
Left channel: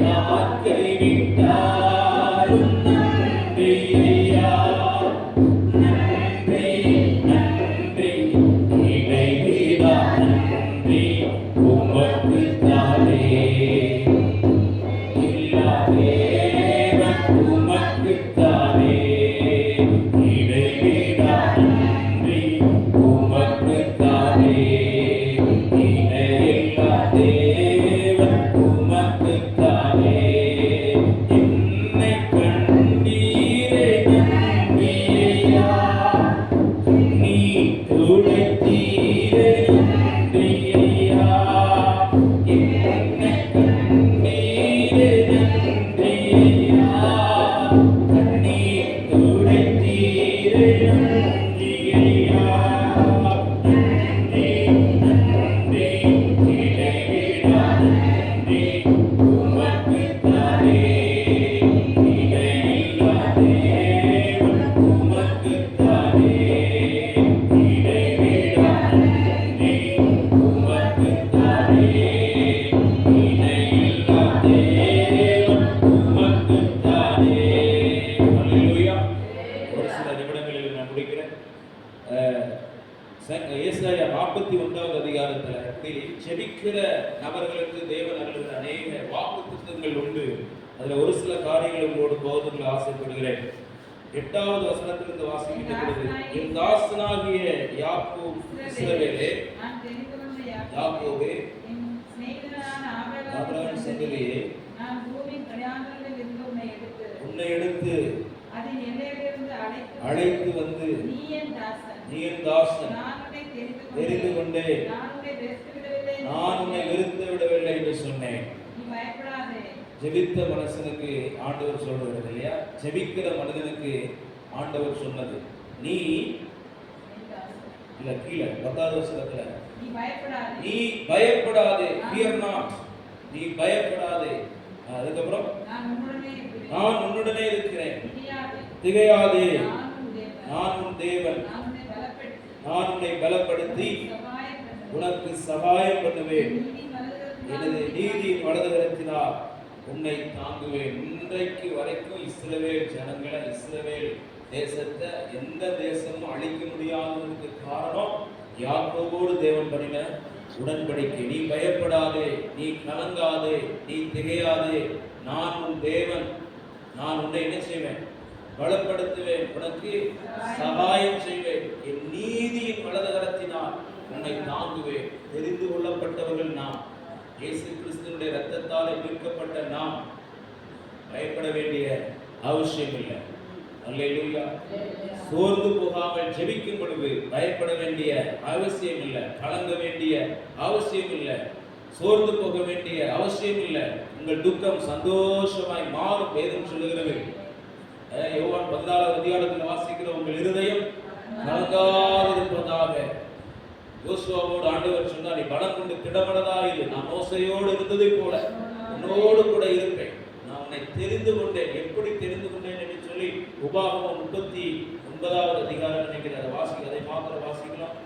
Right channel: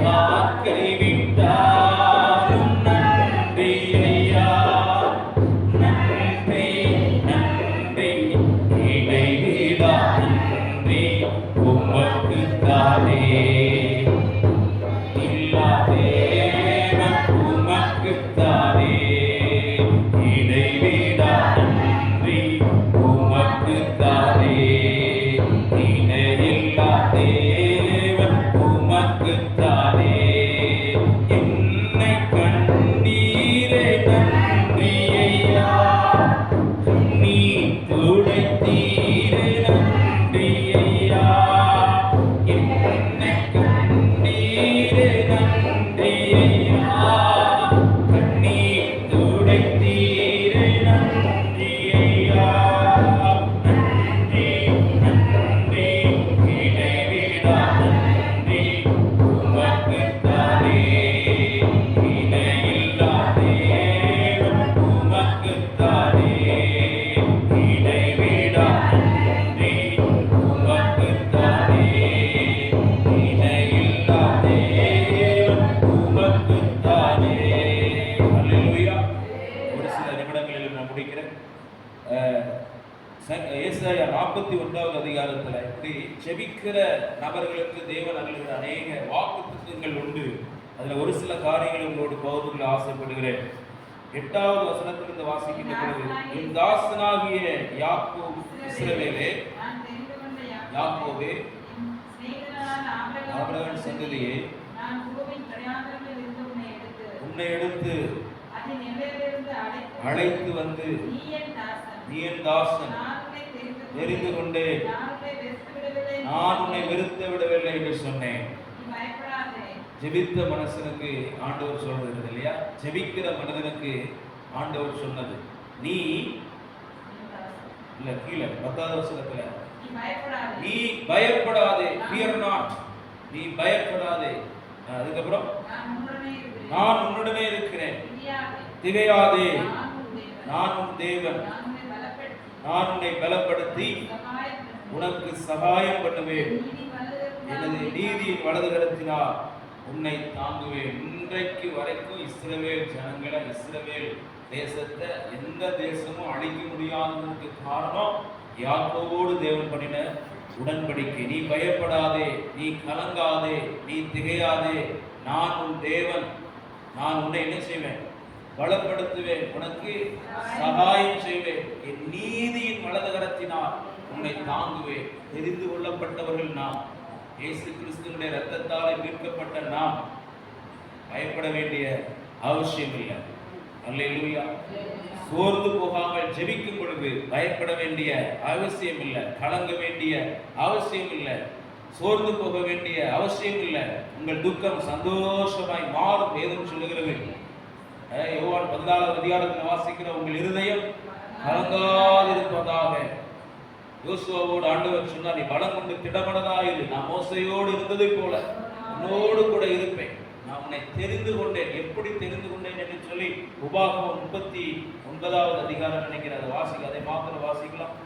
யார் கைவிட்டாலும் நன்றி ஐயா, நன்றி நன்றி இடைவிடா நன்றி உமக்குத்தானே, இல்லாதேவன் உமக்குத்தானே, இடைவிடா நன்றி உமக்குத்தானே, இணையில்லா தேவன் உமக்குத்தானே, என்னை கண்டீரே நன்றி ஐயா, நீ துடைத்தீரே நன்றி ஐயா, என்னை கண்டீரே நன்றி ஐயா, கண்ணீர் துடைத்தீரே நன்றி ஐயா, நன்றி நன்றி இடைவிடா நன்றி உமக்குத்தானே, இணையில்லா தேவன் உமக்குத்தானே, இடைவிடா நன்றி உமக்குத்தானே, இணையில்லா தேவன் உமக்குத்தானே. அல்லேலூயா. ஒரு சில நிமிடங்களில் நான் முடிக்கிறேன். ஏசாயா 41வது அதிகாரத்துல இப்படி ஜெபிக்கிற நபர்களுக்கு தேவன் அருளுகிற அநேக வாக்குத்தத்தங்கள் உண்டு. அதுல ஒரு சில காரியங்களை உங்களோடு பகிர்ந்து ஆசைப்படுகிறேன். 8வது வசனத்திலிருந்து வாசிக்கின்ற பொழுது, என் தாசனாகிய யாக்கோபு இஸ்ரவேலே, யாக்கோபே ஆபிரகாமின் சந்ததியே, உன்னை எடுத்து அழைத்து வந்து நீ என் தாசன், தெரிந்து கொண்டேன், நான் உன்னை வெறுத்து விடவில்லை என்று சொன்னேன். ஜெபித்த மனுஷனுக்கு ஆண்டவர் சொல்றது இல்லையா? ஜெபிக்கிற மனிதனுக்கு ஆண்டவர் சொன்னது, நீ இல்ல கீழே 10வது வசனத்துல, நீ பயப்படாதே, fear not, நீ பயப்படாதே. அதுக்கப்புறம் நான் உன்னுடனே இருக்கிறேன், திகையாதே, நான் உன் தேவன், நான் உன்னை பலப்படுத்தி உனக்கு சகாயம் பண்ணுவேன், எனது நீதியின் வலதுகரத்தினால் உன்னை தாங்குவேன். இன்றைக்கு வரைக்கும் இஸ்ரவேல் ஜனங்களை, இஸ்ரவேல் தேசத்தை எந்த தேசமும் அழிக்க முடியாததற்கு காரணம் யாக்கோபோடு தேவன் பண்ணின உடன்படிக்கை. நீ பயப்படாதே, நீ கலங்காதே, நீ திகையாதே, நான் உன் தேவன், நான் உன்னை என்ன செய்வேன்? பலப்படுத்துவேன், உனக்கு சகாயம் செய்வேன், என் நீதியின் வலதுகரத்தினால் உன்னை தாங்குவேன். தெரிந்து கொள்ளப்பட்டவர்கள் நாம், இயேசு கிறிஸ்துவினுடைய இரத்தத்தால் மீட்கப்பட்ட நாம் பயப்பட வேண்டிய அவசியம் இல்லை. அல்லேலூயா. சோர்ந்து போகாமல் ஜெபிக்கும் பொழுது பயப்பட வேண்டிய அவசியம் இல்லை, கலங்க வேண்டிய அவசியம் இல்லை, சோர்ந்து போக வேண்டிய அவசியம் இல்லை. உங்கள் துக்கம் சந்தோஷமாய் மாறும். வேதம் சொல்லுகிறது, யோவான் 14வது அதிகாரத்தில் வாசிக்கிற, உங்கள் இருதயம் கலங்காதிருப்பதாக. யோசுவாவோடு ஆண்டவர் சொன்னார், நீ பலம் கொண்டு திடமனதாயிரு, நான் மோசையோடு இருந்ததை போல உன்னோடு கூட இருப்பேன், நான் உன்னை தெரிந்து கொண்டேன். எப்படி தெரிந்து கொண்டேன் என்று சொல்லி உபாகமம் 39வது அதிகாரம் நினைக்கிறார், வாசிக்க, அதை மாத்திர வாசிக்கலாம்.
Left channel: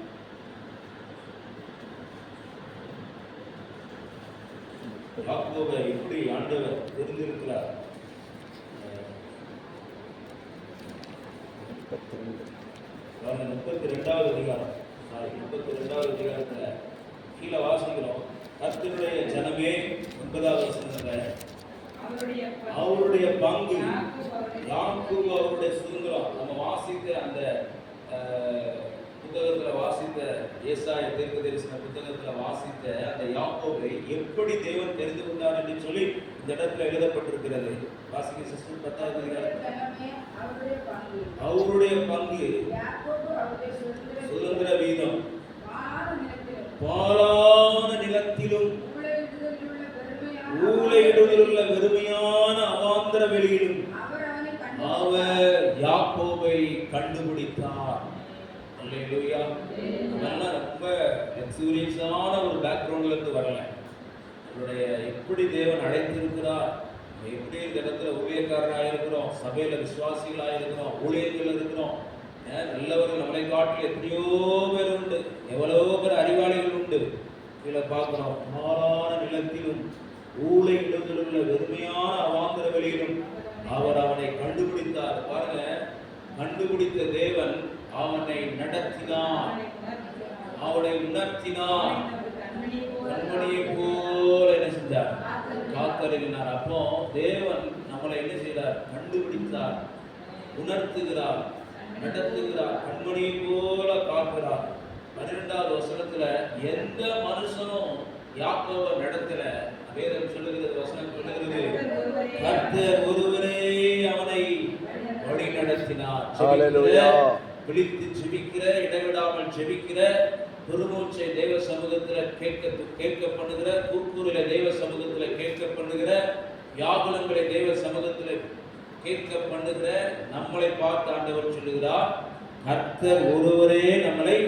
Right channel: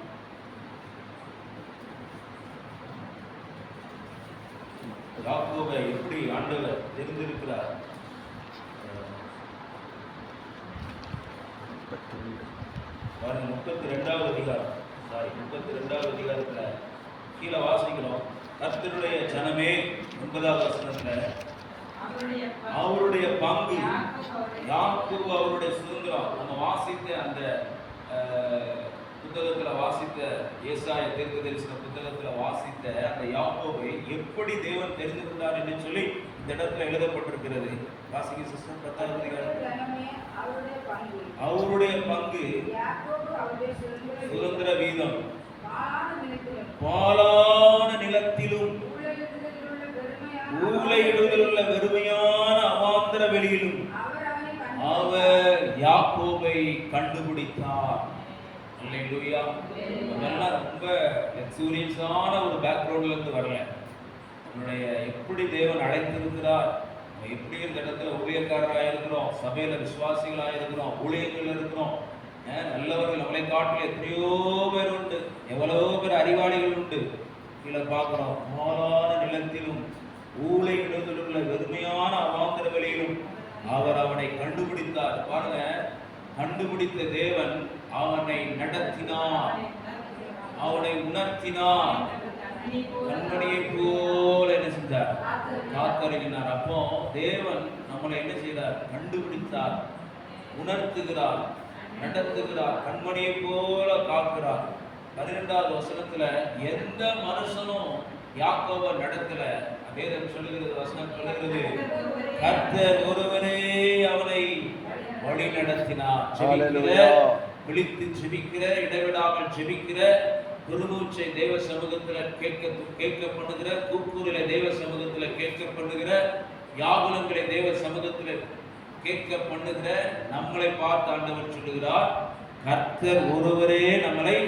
யாக்கோபை எப்படி ஆண்டவர் தெரிந்திருக்கிறார். 32வது அதிகாரம், 32வது அதிகாரத்துல கீழே வாசிக்கிறோம், கர்த்தருடைய ஜனமே, 9வது வசனத்துல, அவருடைய பங்கு யாக்கோபு அவருடைய சுதந்திரம். நம்ம வாசித்த அந்த புத்தகத்துல வாசித்த, ஏசாயா தீர்க்கதரிசன புத்தகத்துல வாசித்த அந்த யாக்கோபை எப்படி தேவன் தெரிந்து கொண்டார் என்று சொல்லி இந்த இடத்துல எழுதப்பட்டிருக்கிறது. வாசிக்க சிஸ்டர். 10வது அதிகாரம், அவருடைய பங்கு சுதந்திர வீதம், பாலான நிலத்திலும் ஊலையிலுள்ள வெறுமையான அவாந்தர வெளியிலும் அவர் யாக்கோபை கண்டுபிடித்தார். அல்லேலூயா. அதெல்லாம் ரொம்ப லக்ஸூரியஸான ஒரு பேக்ரவுண்ட்ல இருந்து வரல. உங்களுடைய எப்படி தேவன் அழைத்திருக்கிறார், எப்படி இந்த இடத்துல ஊழியக்காரராக இருக்கிறோம், சபையில விசுவாசிகளாக இருக்கிறோம், ஊழியர்கள் இருக்கிறோம், நல்லவர்கள் நம்மளை காட்டில் எத்தனையோ பேர் உண்டு, எவ்வளவோ பேர் அறிவாளிகள் உண்டு. கீழே பார்க்கிறோம், மாலான நிலத்திலும் ஊழை இடத்திலுள்ள வெறுமையான அவாந்தர வெளியிலும் அவர் அவனை கண்டுபிடித்தார். பாருங்க, கண்டுபிடித்த தேவன் அவனை நடத்தினார், அவனை உணர்த்தினார், கண்மணியை போல என்ன செஞ்சார்? காத்தருளினார். அப்போ தேவன் நம்மளை என்ன செய்தார்? கண்டுபிடித்தார், உணர்த்துகிறார், நடத்துகிறார், கண்மணியை போல காக்கிறார். 12வது வசனத்துல எந்த மனுஷனும் யாக்கோபை நடத்தல. வேதம் சொல்லுகிறது, வசனம் சொல்லுகிறது, கர்த்தர் ஒருவரே அவனை வழி நடத்தினார். விழித்து ஜெபிக்கிற, இடைவிடாமல் ஜெபிக்கிற, பெருமூச்சை தேவ சமூகத்துல கேட்க பண்ணுகிற, கூக்குரலை தேவ சமூகத்துல கேட்க பண்ணுகிற, யாகுலங்களை தேவ சமூகத்துல கேட்க பண்ணுகிற நம்மளை பார்த்து ஆண்டவர் சொல்லுகிறார், கர்த்தர் ஒருவரே நம்மளை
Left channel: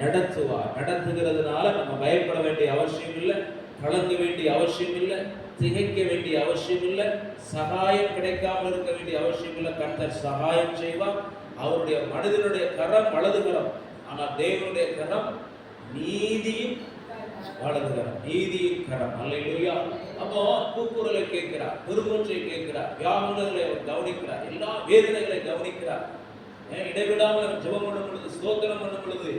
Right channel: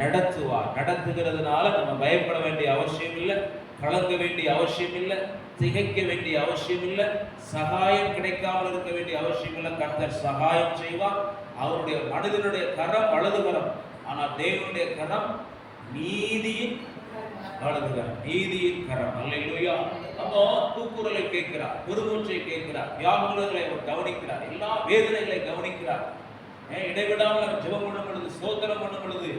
நடத்துவார். நடத்துகிறதுனால நம்ம பயப்பட வேண்டிய அவசியம் இல்லை, கலங்க வேண்டிய அவசியம் இல்லை, திகைக்க வேண்டிய அவசியம் இல்லை, சகாயம் கிடைக்காமல் இருக்க வேண்டிய அவசியம் இல்லை. கர்த்தர் சகாயம் செய்வார். அவருடைய மனிதனுடைய கரம் வலது கரம், ஆனால் தேவனுடைய கரம் நீதியின் வலது கரம், நீதியின் கரம். அல்லேலூயா. அப்போ கூக்குரலை கேட்கிறார், பெருமூச்சை கேட்கிறார், வியாகுலங்களை அவர் கவனிக்கிறார், எல்லா வேதனைகளை கவனிக்கிறார். இடைவிடாமல் ஜெபம் பண்ணும் பொழுது, ஸ்தோத்திரம் பண்ணும் பொழுது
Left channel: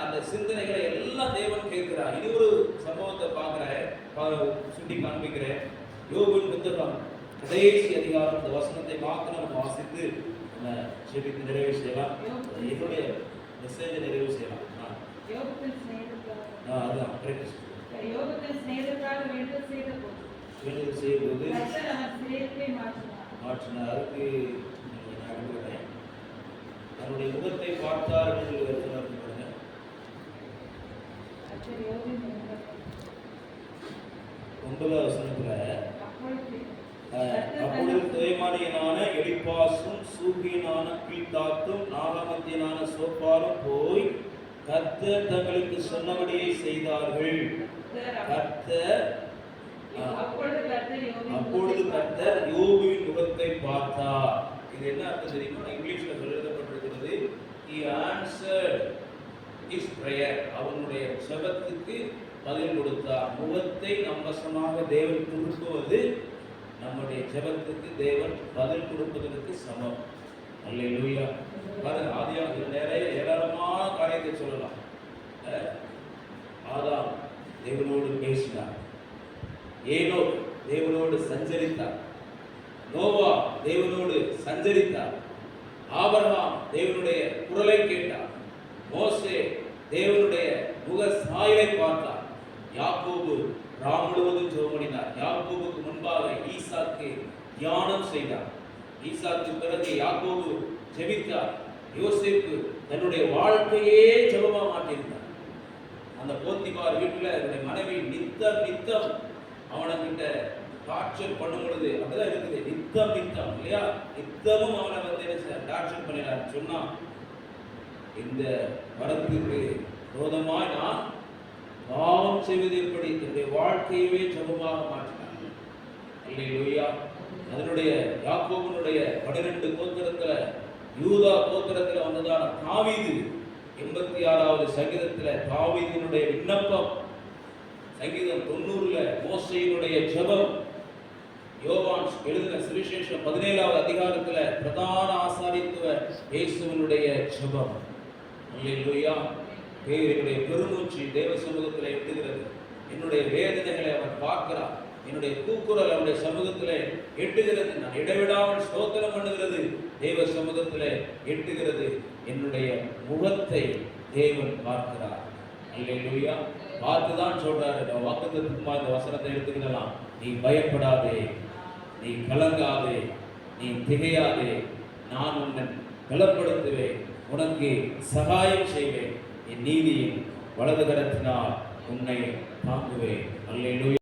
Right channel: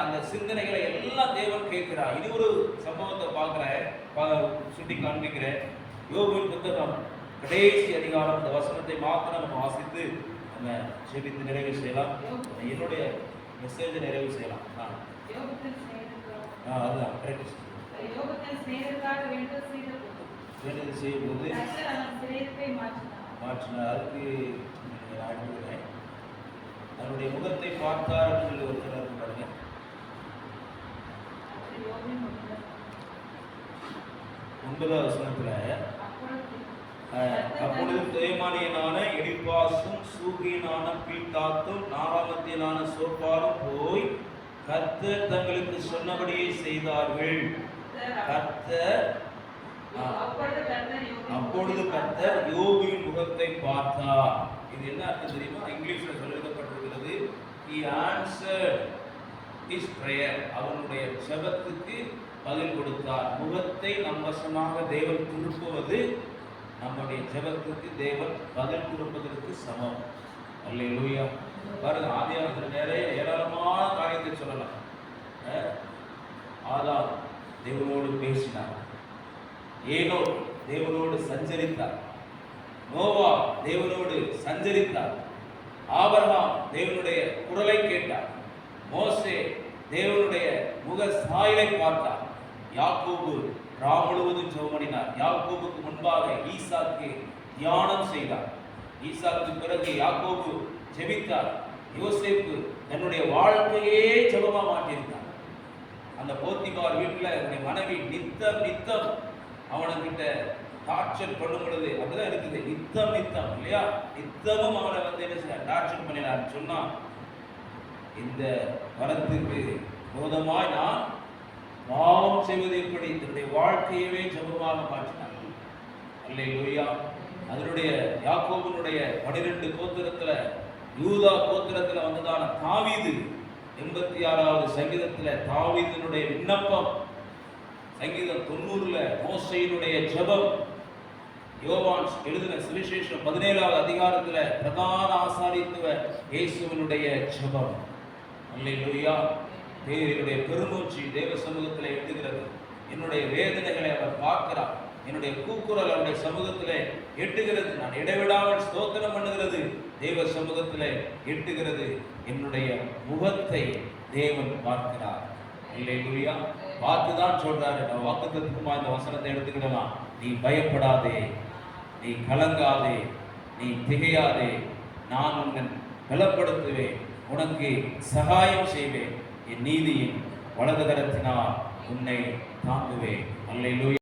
அந்த சிந்தனைகளை எல்லாம் தேவன் கேட்கிறார். இது ஒரு சம்பவத்தை பார்க்கிறேன், சுட்டி காண்பிக்கிறேன். யோபுவின் புத்தகம் கடைசி அதிகாரம், இந்த வசனத்தை மாத்திரம் நம்ம வாசித்து நம்ம செபித்து நிறைவு செய்யலாம். என்னுடைய மெசேஜை நிறைவு செய்யலாம். அதுதான் வேண்டுதல் செய்யும்போது மாற்றினார். அதுக்கு அனுப்புகிறேன். 12வது அதிகாரம் 12வது வசனத்துல, யோபு 3:7 சொல்லுகிறது, கர்த்தர் அவன் சிறையிருப்பை மாற்றினார், அவனை தூக்கி எறிந்தார், அவன் சிறையிருப்பிலிருந்து அவனை விடுவித்தார், அவனை அவருடைய முகத்தை பார்த்தார் என்று சொல்லி வருகிறார் பாருங்க. ஒன்பதாவது வசனத்துல அப்பொழுது தேமானியனான எலிப்பாசும் சூகியனான பீட்டாத்தும் நாராமத்தியனான சோப்பாரும் போய் கர்த்தர் தங்களுக்கு சொன்னபடியே செய்தார்கள். அப்பொழுது கர்த்தர் யோபுவின் முகத்தை பார்த்தார். இது என்ன அர்த்தம் தெரியுமா? இங்கிலீஷ்ல எழுதப்பட்டிருக்கிறது, he answered his prayer. அவனுடைய ஜெபத்துக்கு பதில் கொடுத்தார். முகத்தை நம் வசமாக தேவன் திருப்புவது நம்முடைய ஜெபத்துக்கு தேவன் பதில் கொடுப்பதற்கு சமம். அல்லேலூயா. பாருங்க, ஆதியாகமத்தில் நிறைய ஏராளமான காரியத்தை சொல்லலாம். ஆதாம் தேவனோடு பேசினார், ஏனோக் தேவனோடு சஞ்சரித்தார், நோவா தேவனோடு சஞ்சரித்தார், ஆபிரகாம் தேவனுடைய குரலை கேட்டார், மோசே தேவனுடைய முக சாயலை பார்த்தார், யாக்கோபு ராம் முழுவதும் ஜெபமணினார், யாக்கோபுக்கு முன்பாக ஈசாக்கு தியானம் செய்தார், ஈசாக்கு பிறகு யாக்கோபு ஜெபித்தார், யோசேப்பு தன்னுடைய வாழ்க்கையே ஜெபமா மாற்றியிருந்தார். அந்த போத்திபார் வீட்டில் அவருடைய மனைவி நித்தம் அவனுக்கிட்ட டார்ச்சர் பண்ணும் பொழுது அப்படிதான் இருக்குது. நித்தம் இல்லையா, நித்தமும் அவனை வந்து என்ன செய்ய டார்ச்சர் பண்ணினார். சொன்னா இந்த வரத்துக்கு விரோதமாய் நான் பாவம் செய்வது எப்படி, என்னுடைய வாழ்க்கையவே ஜெபமாக மாற்றினார். அல்லேலூயா. அதனுடைய யாக்கோபுனுடைய 12 கோத்திரத்துல யூதா கோத்திரத்துல வந்ததான தாவீது 86வது சங்கீதத்துல தாவீதினுடைய விண்ணப்பம், சங்கீதம் 90ல மோசேயினுடைய ஜெபம், யோவான் எழுதின சுவிசேஷம் 17வது அதிகாரத்துல பிரதான ஆசாரித்துவ இயேசுவினுடைய ஜெபம். அல்லேலூயா. தேவனுடைய பெருமூச்சு தேவ சமூகத்தில் எட்டுகிறது. என்னுடைய வேதனைகளை அவர் பார்க்கிறார். என்னுடைய கூக்குரல் அவருடைய சமூகத்தில் எட்டுகிறது. நான் இடைவிடாமல் ஸ்தோத்திரம் பண்ணுகிறது தேவ சமூகத்தில் எட்டுகிறது. என்னுடைய முகத்தை தேவன் பார்க்கிறார். அல்லேலூயா. பார்த்துதான் சொல்றாரு. வாக்குத்தத்தமா இந்த வசனத்தை எடுத்துக்கிடலாம். நீ பயப்படாதே, நீ கலங்காதே, நீ திகையாதே, நான் உன்னை பலப்படுத்துவேன், உனக்கு சகாயம் செய்வேன், என் நீதியின் வலது கரத்தினால் உன்னை தாங்குவேன். அல்லேலூயா.